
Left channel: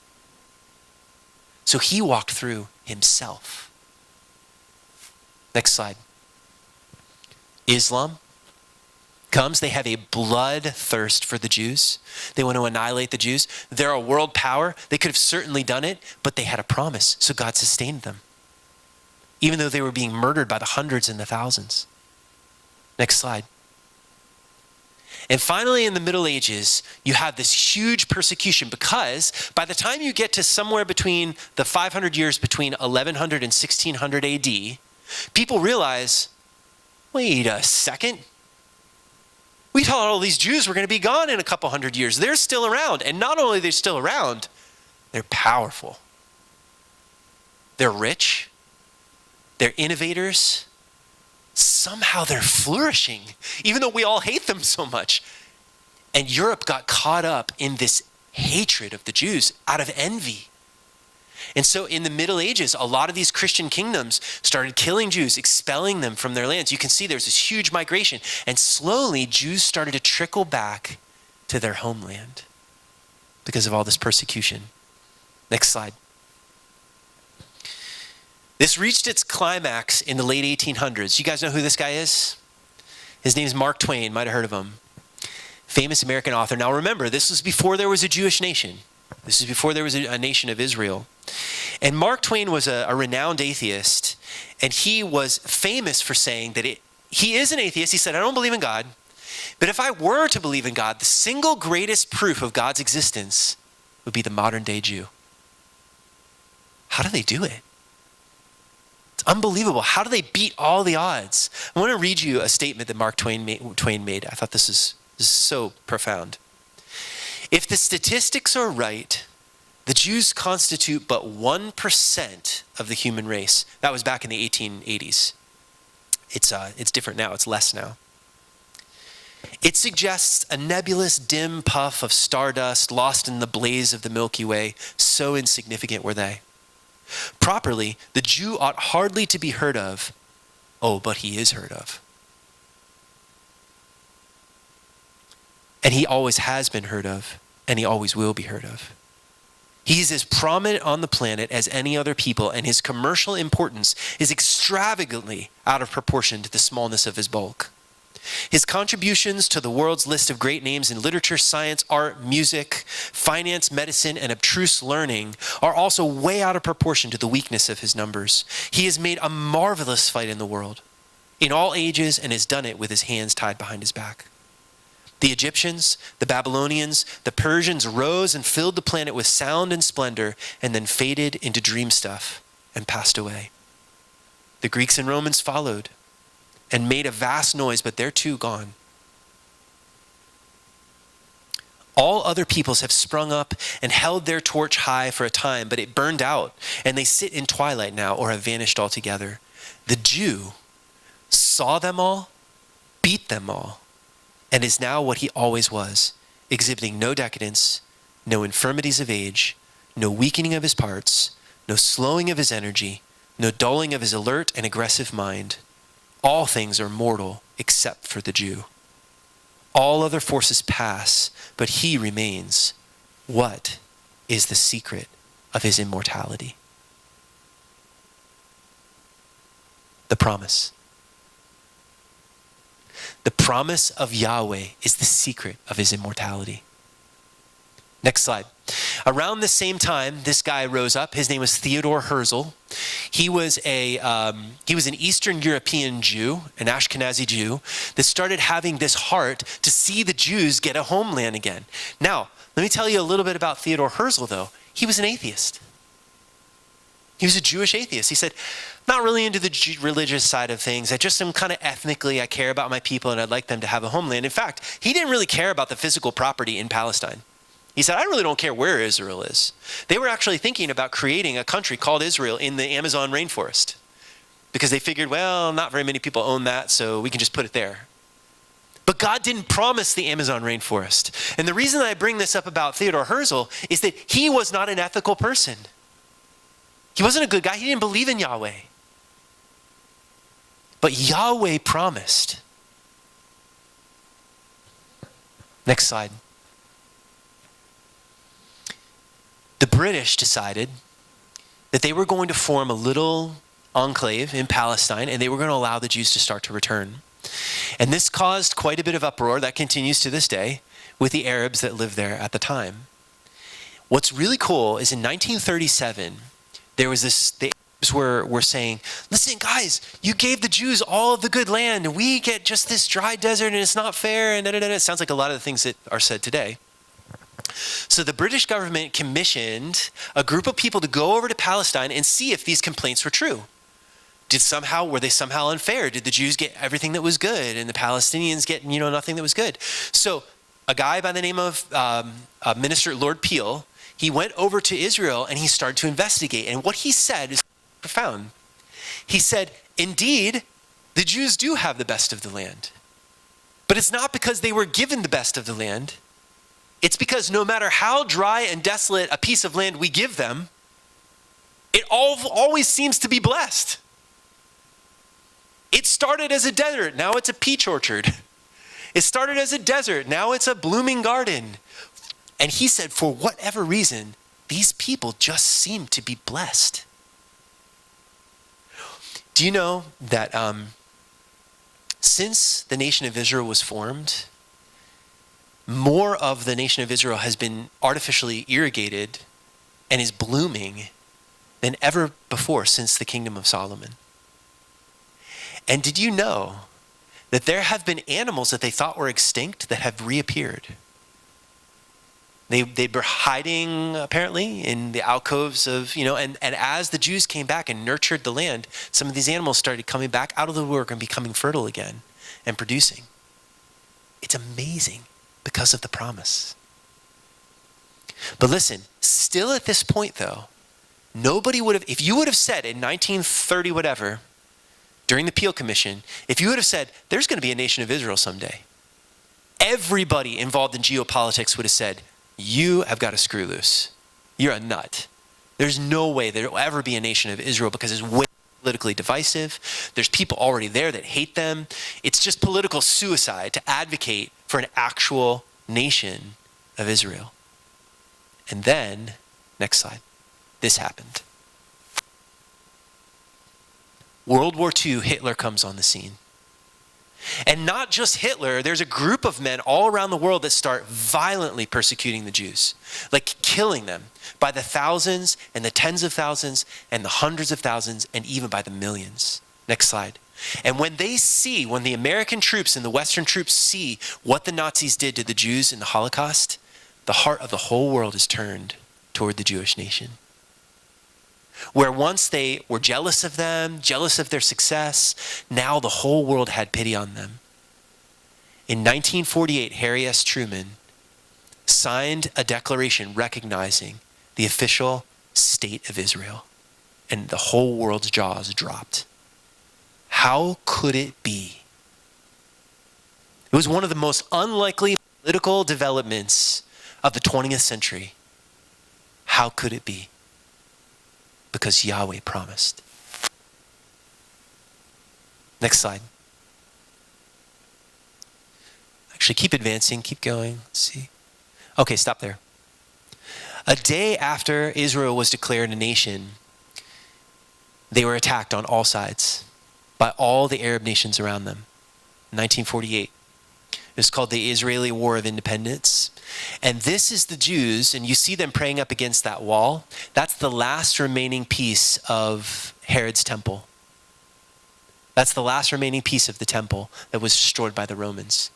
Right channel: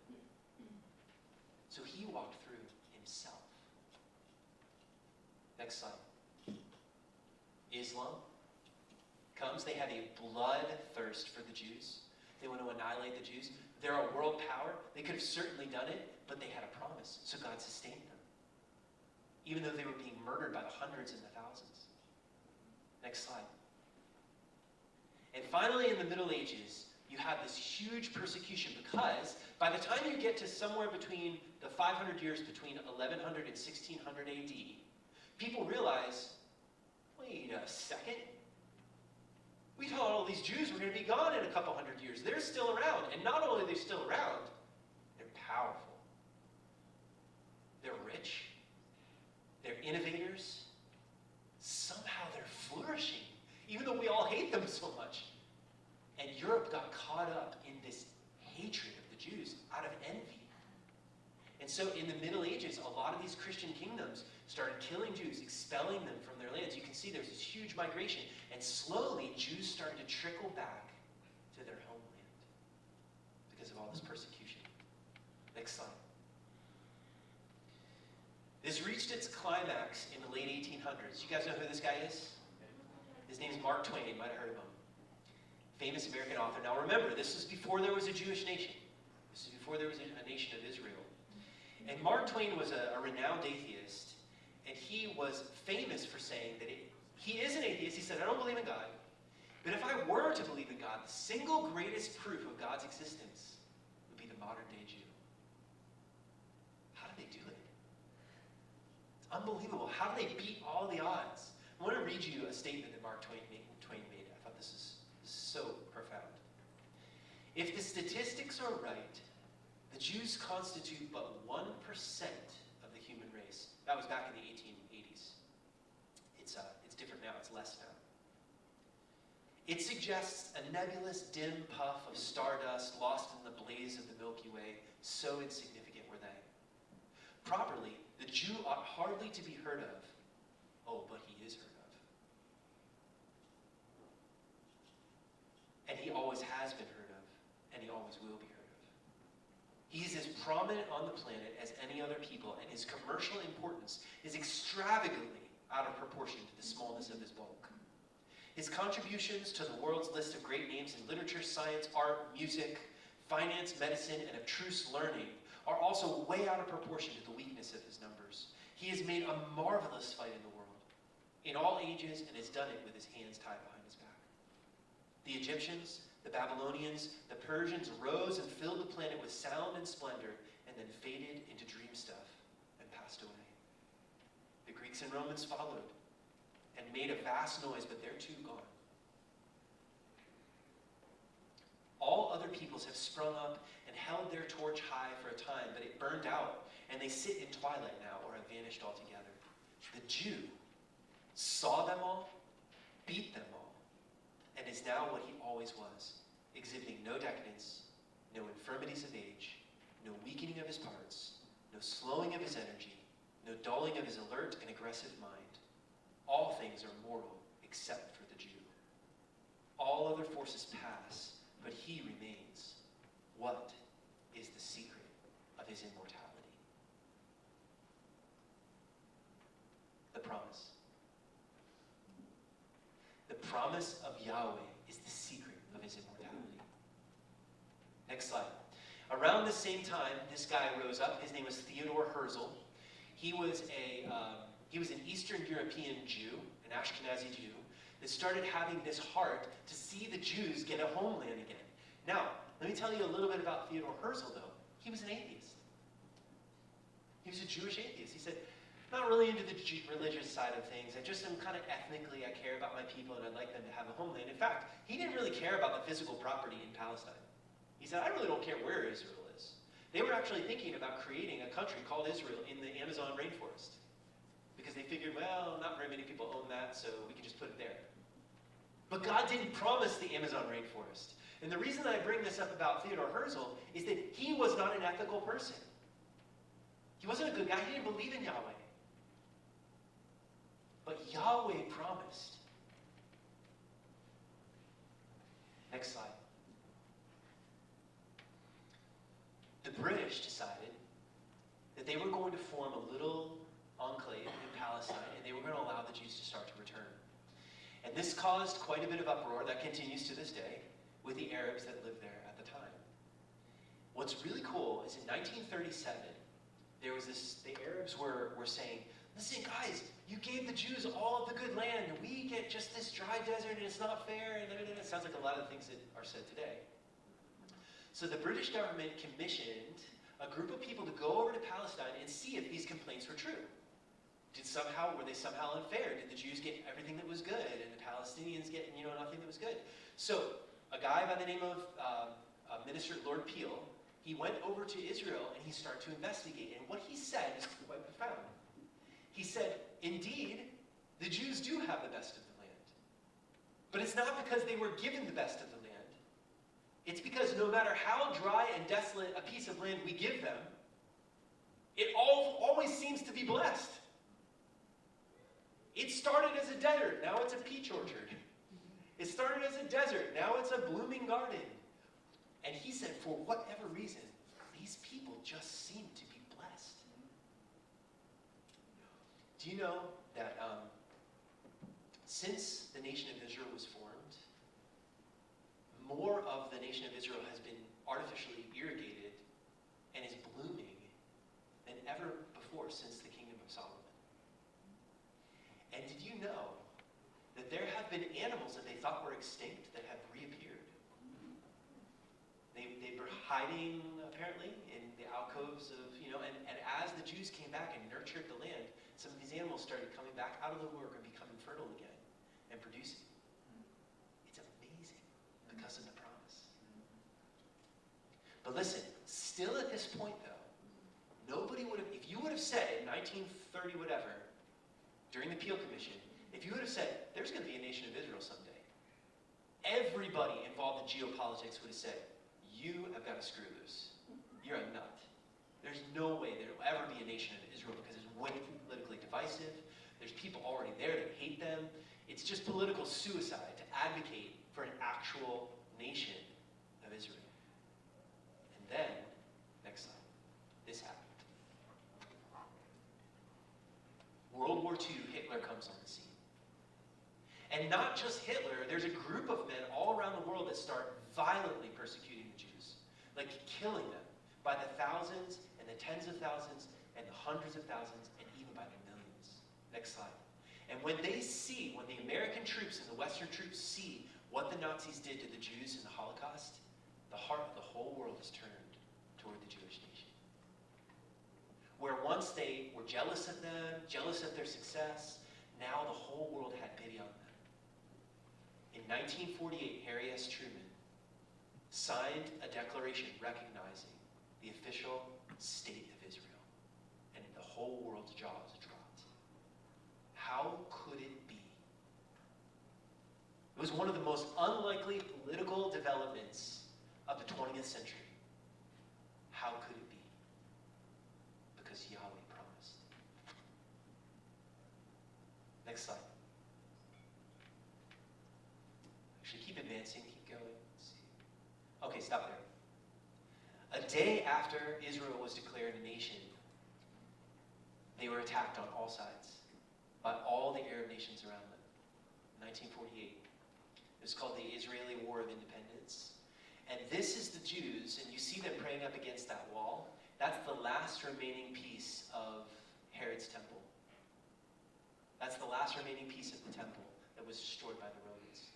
So he walked through himself. Next slide. Islam comes. They have a bloodthirst for the Jews. They want to annihilate the Jews. They're a world power. They could have certainly done it, but they had a promise, so God sustained them, even though they were being murdered by the hundreds and the thousands. Next slide. And finally, in the Middle Ages, you have this huge persecution because by the time you get to somewhere between the 500 years between 1100 and 1600 AD, people realize, wait a second. We thought all these Jews were going to be gone in a couple hundred years. They're still around. And not only are they still around, they're powerful. They're rich. They're innovators. Somehow they're flourishing, even though we all hate them so much. And Europe got caught up in this hatred of the Jews out of envy. And so in the Middle Ages, a lot of these Christian kingdoms started killing Jews, expelling them from their lands. You can see there's this huge migration. And slowly, Jews started to trickle back to their homeland because of all this persecution. Next slide. This reached its climax in the late 1800s. You guys know who this guy is? His name is Mark Twain. Might have heard of him. Famous American author. Now remember, this was before there was a Jewish nation. This is before there was a nation of Israel. And Mark Twain was a renowned atheist, and he was famous for saying that he is an atheist. He said, I don't believe in God, but if I were to believe in God, the single greatest proof of God's existence would be the modern day Jew. How do they do it? It's unbelievable. How do they beat all the odds? I want to read you a statement that Mark Twain made. I thought this is so profound. If the statistics are right, the Jews constitute but 1% of the human race. That was back in the 1880s. It's different now. It's less now. It suggests a nebulous, dim puff of stardust lost in the blaze of the Milky Way. So insignificant were they. Properly, the Jew ought hardly to be heard of. Oh, but he is heard of. And he always has been heard of, and he always will be heard of. He's as prominent on the planet as any other people, and his commercial importance is extravagantly out of proportion to the smallness of his bulk. His contributions to the world's list of great names in literature, science, art, music, finance, medicine, and abstruse learning are also way out of proportion to the weakness of his numbers. He has made a marvelous fight in the world, in all ages, and has done it with his hands tied behind his back. The Egyptians, the Babylonians, the Persians rose and filled the planet with sound and splendor, and then faded into dream stuff and passed away. The Greeks and Romans followed and made a vast noise, but they're too gone. All other peoples have sprung up and held their torch high for a time, but it burned out, and they sit in twilight now or have vanished altogether. The Jew saw them all, beat them all, and is now what he always was, exhibiting no decadence, no infirmities of age, no weakening of his parts, no slowing of his energy, no dulling of his alert and aggressive mind. All things are mortal except for the Jew. All other forces pass, but he remains. What is the secret of his immortality? The promise. The promise of Yahweh is the secret of his immortality. Next slide. Around the same time, this guy rose up. His name was Theodor Herzl. He was an Eastern European Jew, an Ashkenazi Jew, that started having this heart to see the Jews get a homeland again. Now, let me tell you a little bit about Theodor Herzl, though. He was an atheist. He was a Jewish atheist. He said, not really into the religious side of things. I just am kind of ethnically, I care about my people and I'd like them to have a homeland. In fact, he didn't really care about the physical property in Palestine. He said, I really don't care where Israel is. They were actually thinking about creating a country called Israel in the Amazon rainforest because they figured, well, not very many people own that, so we can just put it there. But God didn't promise the Amazon rainforest. And the reason I bring this up about Theodor Herzl is that he was not an ethical person. He wasn't a good guy. He didn't believe in Yahweh. But Yahweh promised. Next slide. The British decided that they were going to form a little enclave in Palestine, and they were going to allow the Jews to start to return. And this caused quite a bit of uproar that continues to this day with the Arabs that lived there at the time. What's really cool is in 1937, there was this, the Arabs were saying, listen, guys, you gave the Jews all of the good land, and we get just this dry desert, and it's not fair, and da-da-da-da. It sounds like a lot of the things that are said today. So the British government commissioned a group of people to go over to Palestine and see if these complaints were true. Were they somehow unfair? Did the Jews get everything that was good and the Palestinians get, nothing that was good? So a guy by the name of Minister Lord Peel, he went over to Israel and he started to investigate. And what he said is profound. He said, indeed, the Jews do have the best of the land. But it's not because they were given the best of the land. It's because no matter how dry and desolate a piece of land we give them, It always seems to be blessed. It started as a desert, now it's a peach orchard. It started as a desert, now it's a blooming garden. And he said, for whatever reason, these people just seem to be blessed. Do you know that since the nation of Israel was formed, more of the nation of Israel has been artificially irrigated and is blooming than ever before since the kingdom of Solomon? And did you know that there have been animals that they thought were extinct that have reappeared? They were hiding, apparently, in the alcoves of, and as the Jews came back and nurtured the land, some of these animals started coming back out of the woodwork and becoming fertile again and producing. It's amazing because of the promise. But listen, still at this point, though, nobody would have, if you would have said in 1930 whatever, during the Peel Commission, if you would have said, there's going to be a nation of Israel someday, everybody involved in geopolitics would have said, you have got to screw loose. You're a nut. There's no way there will ever be a nation of Israel because it's way politically divisive. There's people already there that hate them. It's just political suicide to advocate for an actual nation of Israel. And then, next slide, this happened. World War II, Hitler comes on the scene. And not just Hitler, there's a group of men all around the world that start violently persecuting the Jews, like killing them by the thousands and the tens of thousands and the hundreds of thousands and even by the millions. Next slide. And when the American troops and the Western troops see what the Nazis did to the Jews in the Holocaust, the heart of the whole world is turned toward the Jewish nation. Where once they were jealous of them, jealous of their success, now the whole world had pity on them. In 1948, Harry S. Truman signed a declaration recognizing the official state of Israel, and the whole world's jaws dropped. How could it be? It was one of the most unlikely political developments of the 20th century. How could it be? Because Yahweh promised. Next slide. Actually, keep advancing, keep going. Let's see. Okay, stop there. A day after Israel was declared a nation, they were attacked on all sides by all the Arab nations around them. 1948. It's called the Israeli War of Independence. And this is the Jews, and you see them praying up against that wall. That's the last remaining piece of Herod's temple. That's the last remaining piece of the temple that was destroyed by the Romans.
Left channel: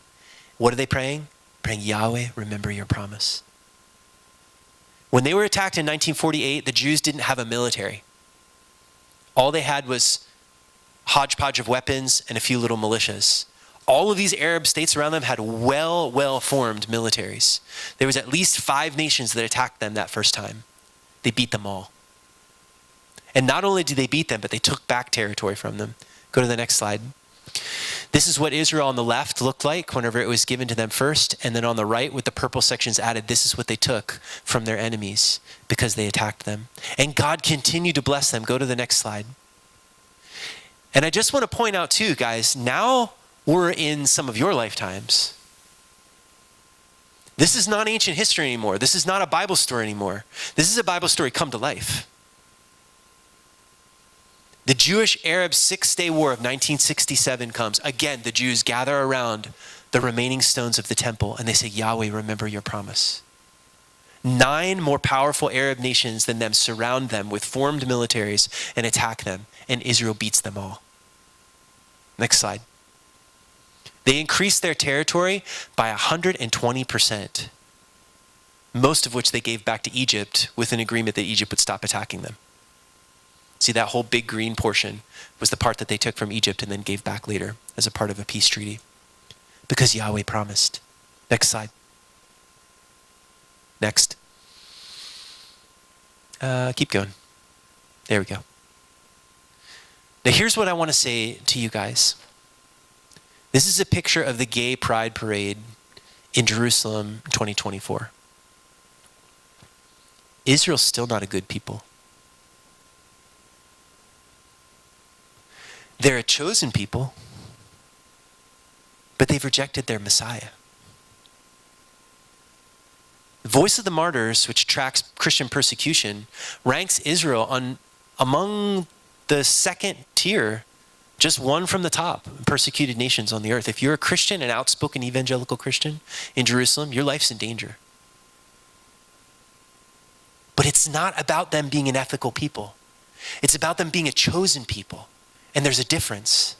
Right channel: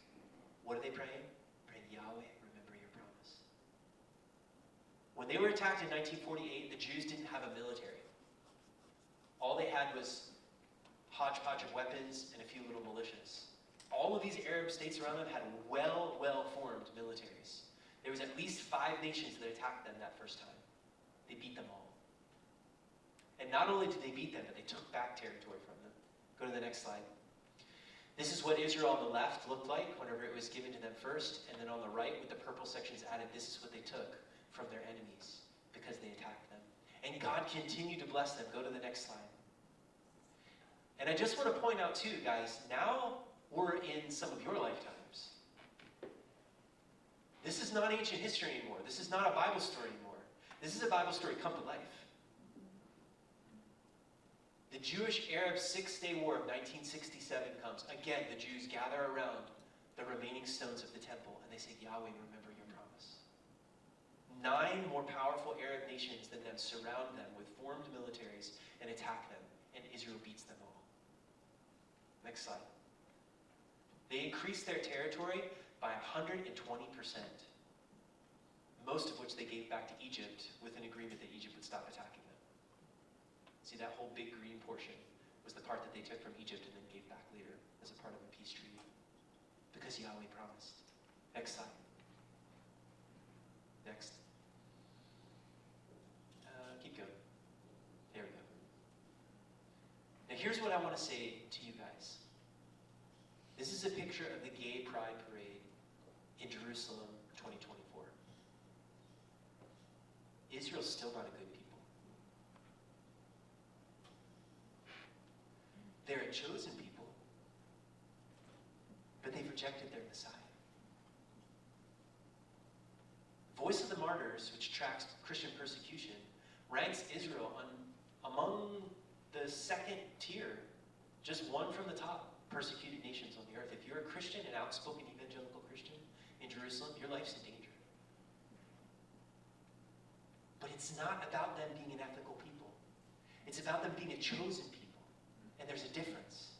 What are they praying? Praying, Yahweh, remember your promise. When they were attacked in 1948, the Jews didn't have a military. All they had was a hodgepodge of weapons and a few little militias. All of these Arab states around them had well-formed militaries. There was at least 5 nations that attacked them that first time. They beat them all. And not only did they beat them, but they took back territory from them. Go to the next slide. This is what Israel on the left looked like whenever it was given to them first. And then on the right, with the purple sections added, this is what they took from their enemies because they attacked them. And God continued to bless them. Go to the next slide. And I just want to point out too, guys, now we're in some of your lifetimes. This is not ancient history anymore. This is not a Bible story anymore. This is a Bible story come to life. The Jewish-Arab Six-Day War of 1967 comes. Again, the Jews gather around the remaining stones of the temple and they say, Yahweh, remember your promise. 9 more powerful Arab nations than them surround them with formed militaries and attack them, and Israel beats them all. Next slide. They increased their territory by 120%, most of which they gave back to Egypt with an agreement that Egypt would stop attacking them. See, that whole big green portion was the part that they took from Egypt and then gave back later as a part of a peace treaty because Yahweh promised. Next slide. Next. Keep going. There we go. Now here's what I want to say to you guys. This is a picture of the Gay Pride Parade in Jerusalem 2024. Israel's still not a good people. They're a chosen people, but they've rejected their Messiah. The Voice of the Martyrs, which tracks Christian persecution, ranks Israel among the second tier, just one from the top, persecuted nations on the earth. If you're a Christian, an outspoken evangelical Christian in Jerusalem, your life's in danger. But it's not about them being an ethical people. It's about them being a chosen people. And there's a difference.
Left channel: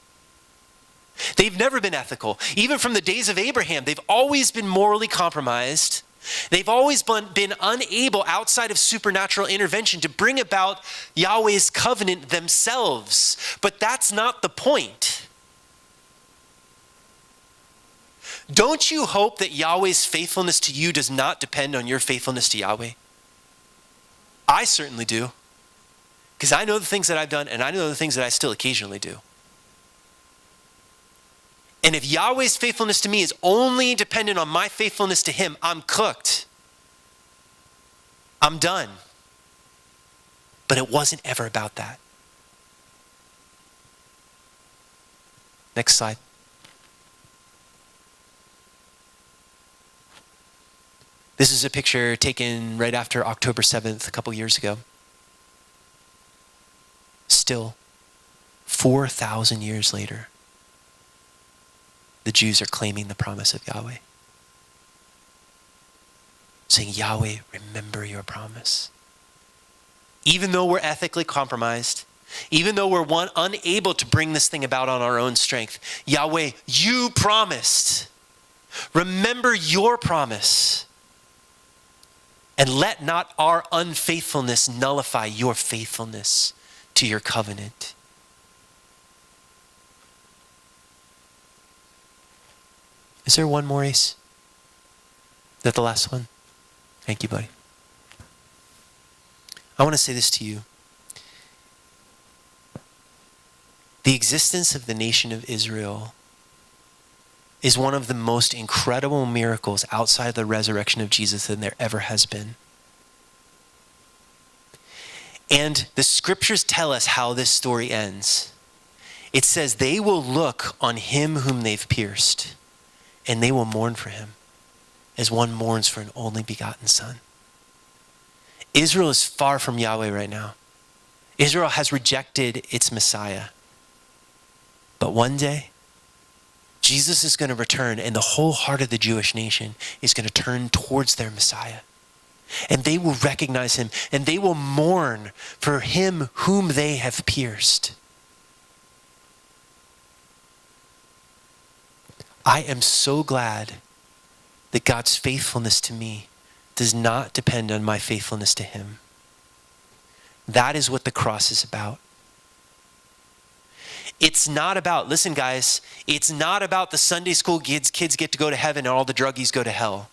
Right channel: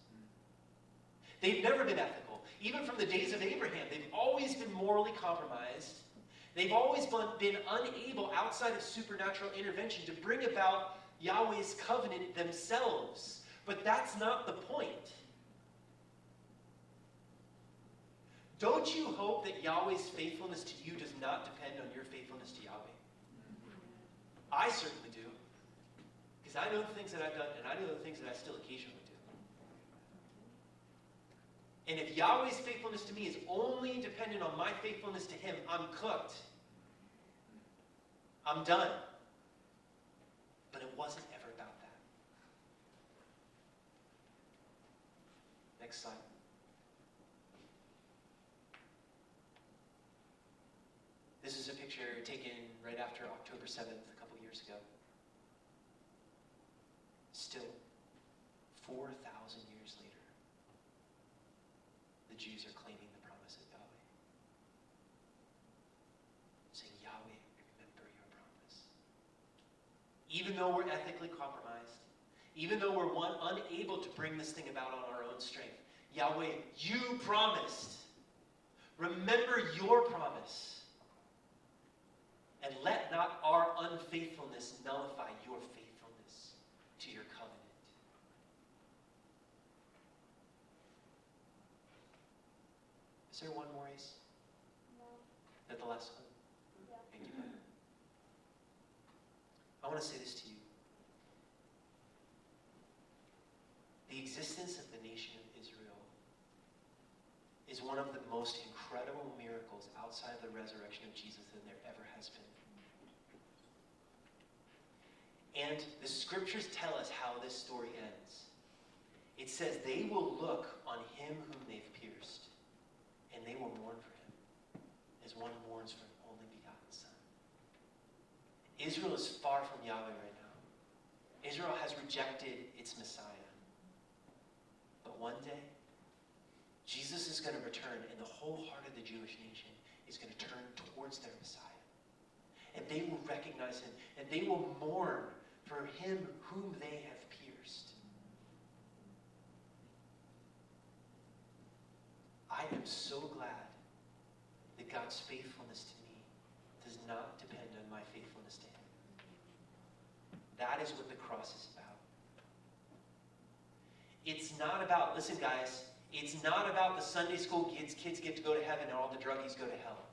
They've never been ethical. Even from the days of Abraham, they've always been morally compromised. They've always been unable, outside of supernatural intervention, to bring about Yahweh's covenant themselves. But that's not the point. Don't you hope that Yahweh's faithfulness to you does not depend on your faithfulness to Yahweh? I certainly do. Because I know the things that I've done, and I know the things that I still occasionally do. And if Yahweh's faithfulness to me is only dependent on my faithfulness to him, I'm cooked. I'm done. But it wasn't ever about that. Next slide. This is a picture taken right after October 7th, a couple years ago. Still, 4,000 years later, the Jews are claiming the promise of Yahweh. Saying, Yahweh, remember your promise. Even though we're ethically compromised, even though we're unable to bring this thing about on our own strength, Yahweh, you promised. Remember your promise. And let not our unfaithfulness nullify your faithfulness to your covenant. Is there one more, Ace? Is that the last one? Thank you, buddy. I want to say this to you. The existence of the nation of Israel is one of the most incredible miracles outside of the resurrection of Jesus than there ever has been. And the scriptures tell us how this story ends. It says, they will look on him whom they've pierced, and they will mourn for him as one mourns for an only begotten son. Israel is far from Yahweh right now. Israel has rejected its Messiah. But one day, Jesus is going to return, and the whole heart of the Jewish nation is going to turn towards their Messiah. And they will recognize him, and they will mourn for him whom they have pierced. I am so glad that God's faithfulness to me does not depend on my faithfulness to him. That is what the cross is about. It's not about, listen guys, it's not about the Sunday school kids get to go to heaven and all the druggies go to hell.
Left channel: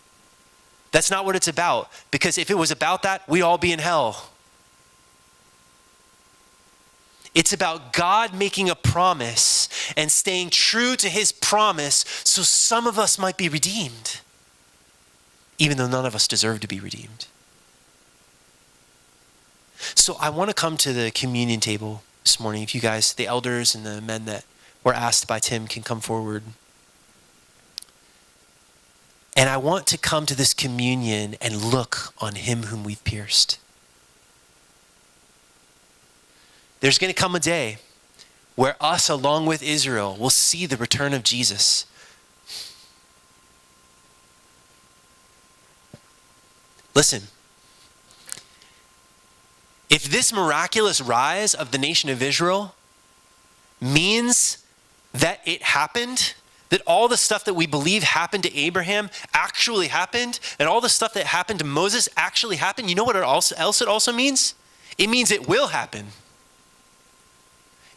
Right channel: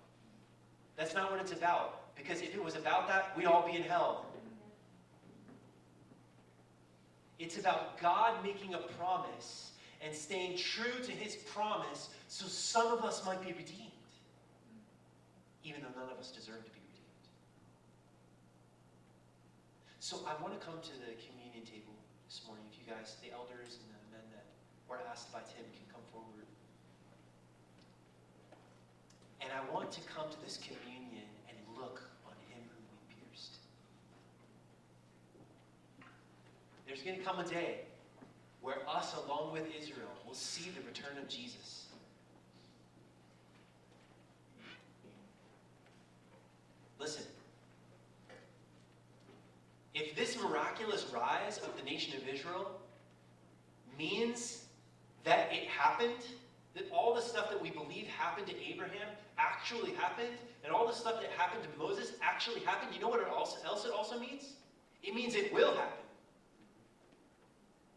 That's not what it's about. Because if it was about that, we'd all be in hell. It's about God making a promise and staying true to his promise so some of us might be redeemed, even though none of us deserve to be redeemed. So I want to come to the communion table this morning. If you guys, the elders and the men that were asked by Tim, can come forward. And I want to come to this communion and look on him whom we've pierced. There's going to come a day where us, along with Israel, will see the return of Jesus. Listen, if this miraculous rise of the nation of Israel means that it happened, that all the stuff that we believe happened to Abraham actually happened, and all the stuff that happened to Moses actually happened, you know what else it also means? It means it will happen.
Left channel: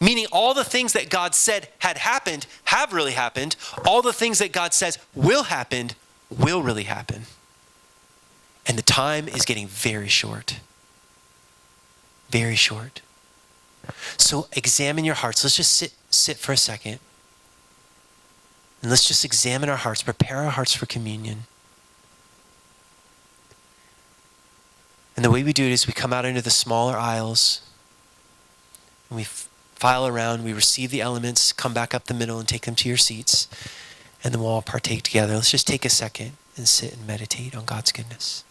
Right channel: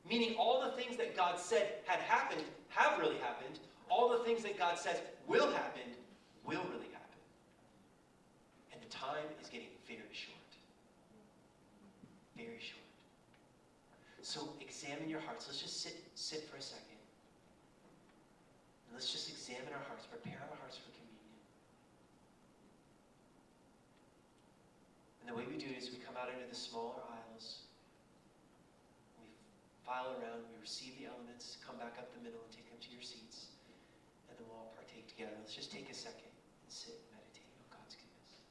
Meaning all the things that God said had happened have really happened. All the things that God says will happen will really happen. And the time is getting very short. Very short. So examine your hearts. Let's just sit for a second. And let's just examine our hearts, prepare our hearts for communion. And the way we do it is we come out into the smaller aisles and we file around, we receive the elements, come back up the middle and take them to your seats, and then we'll all partake together. Let's just take a second and sit and meditate on God's goodness.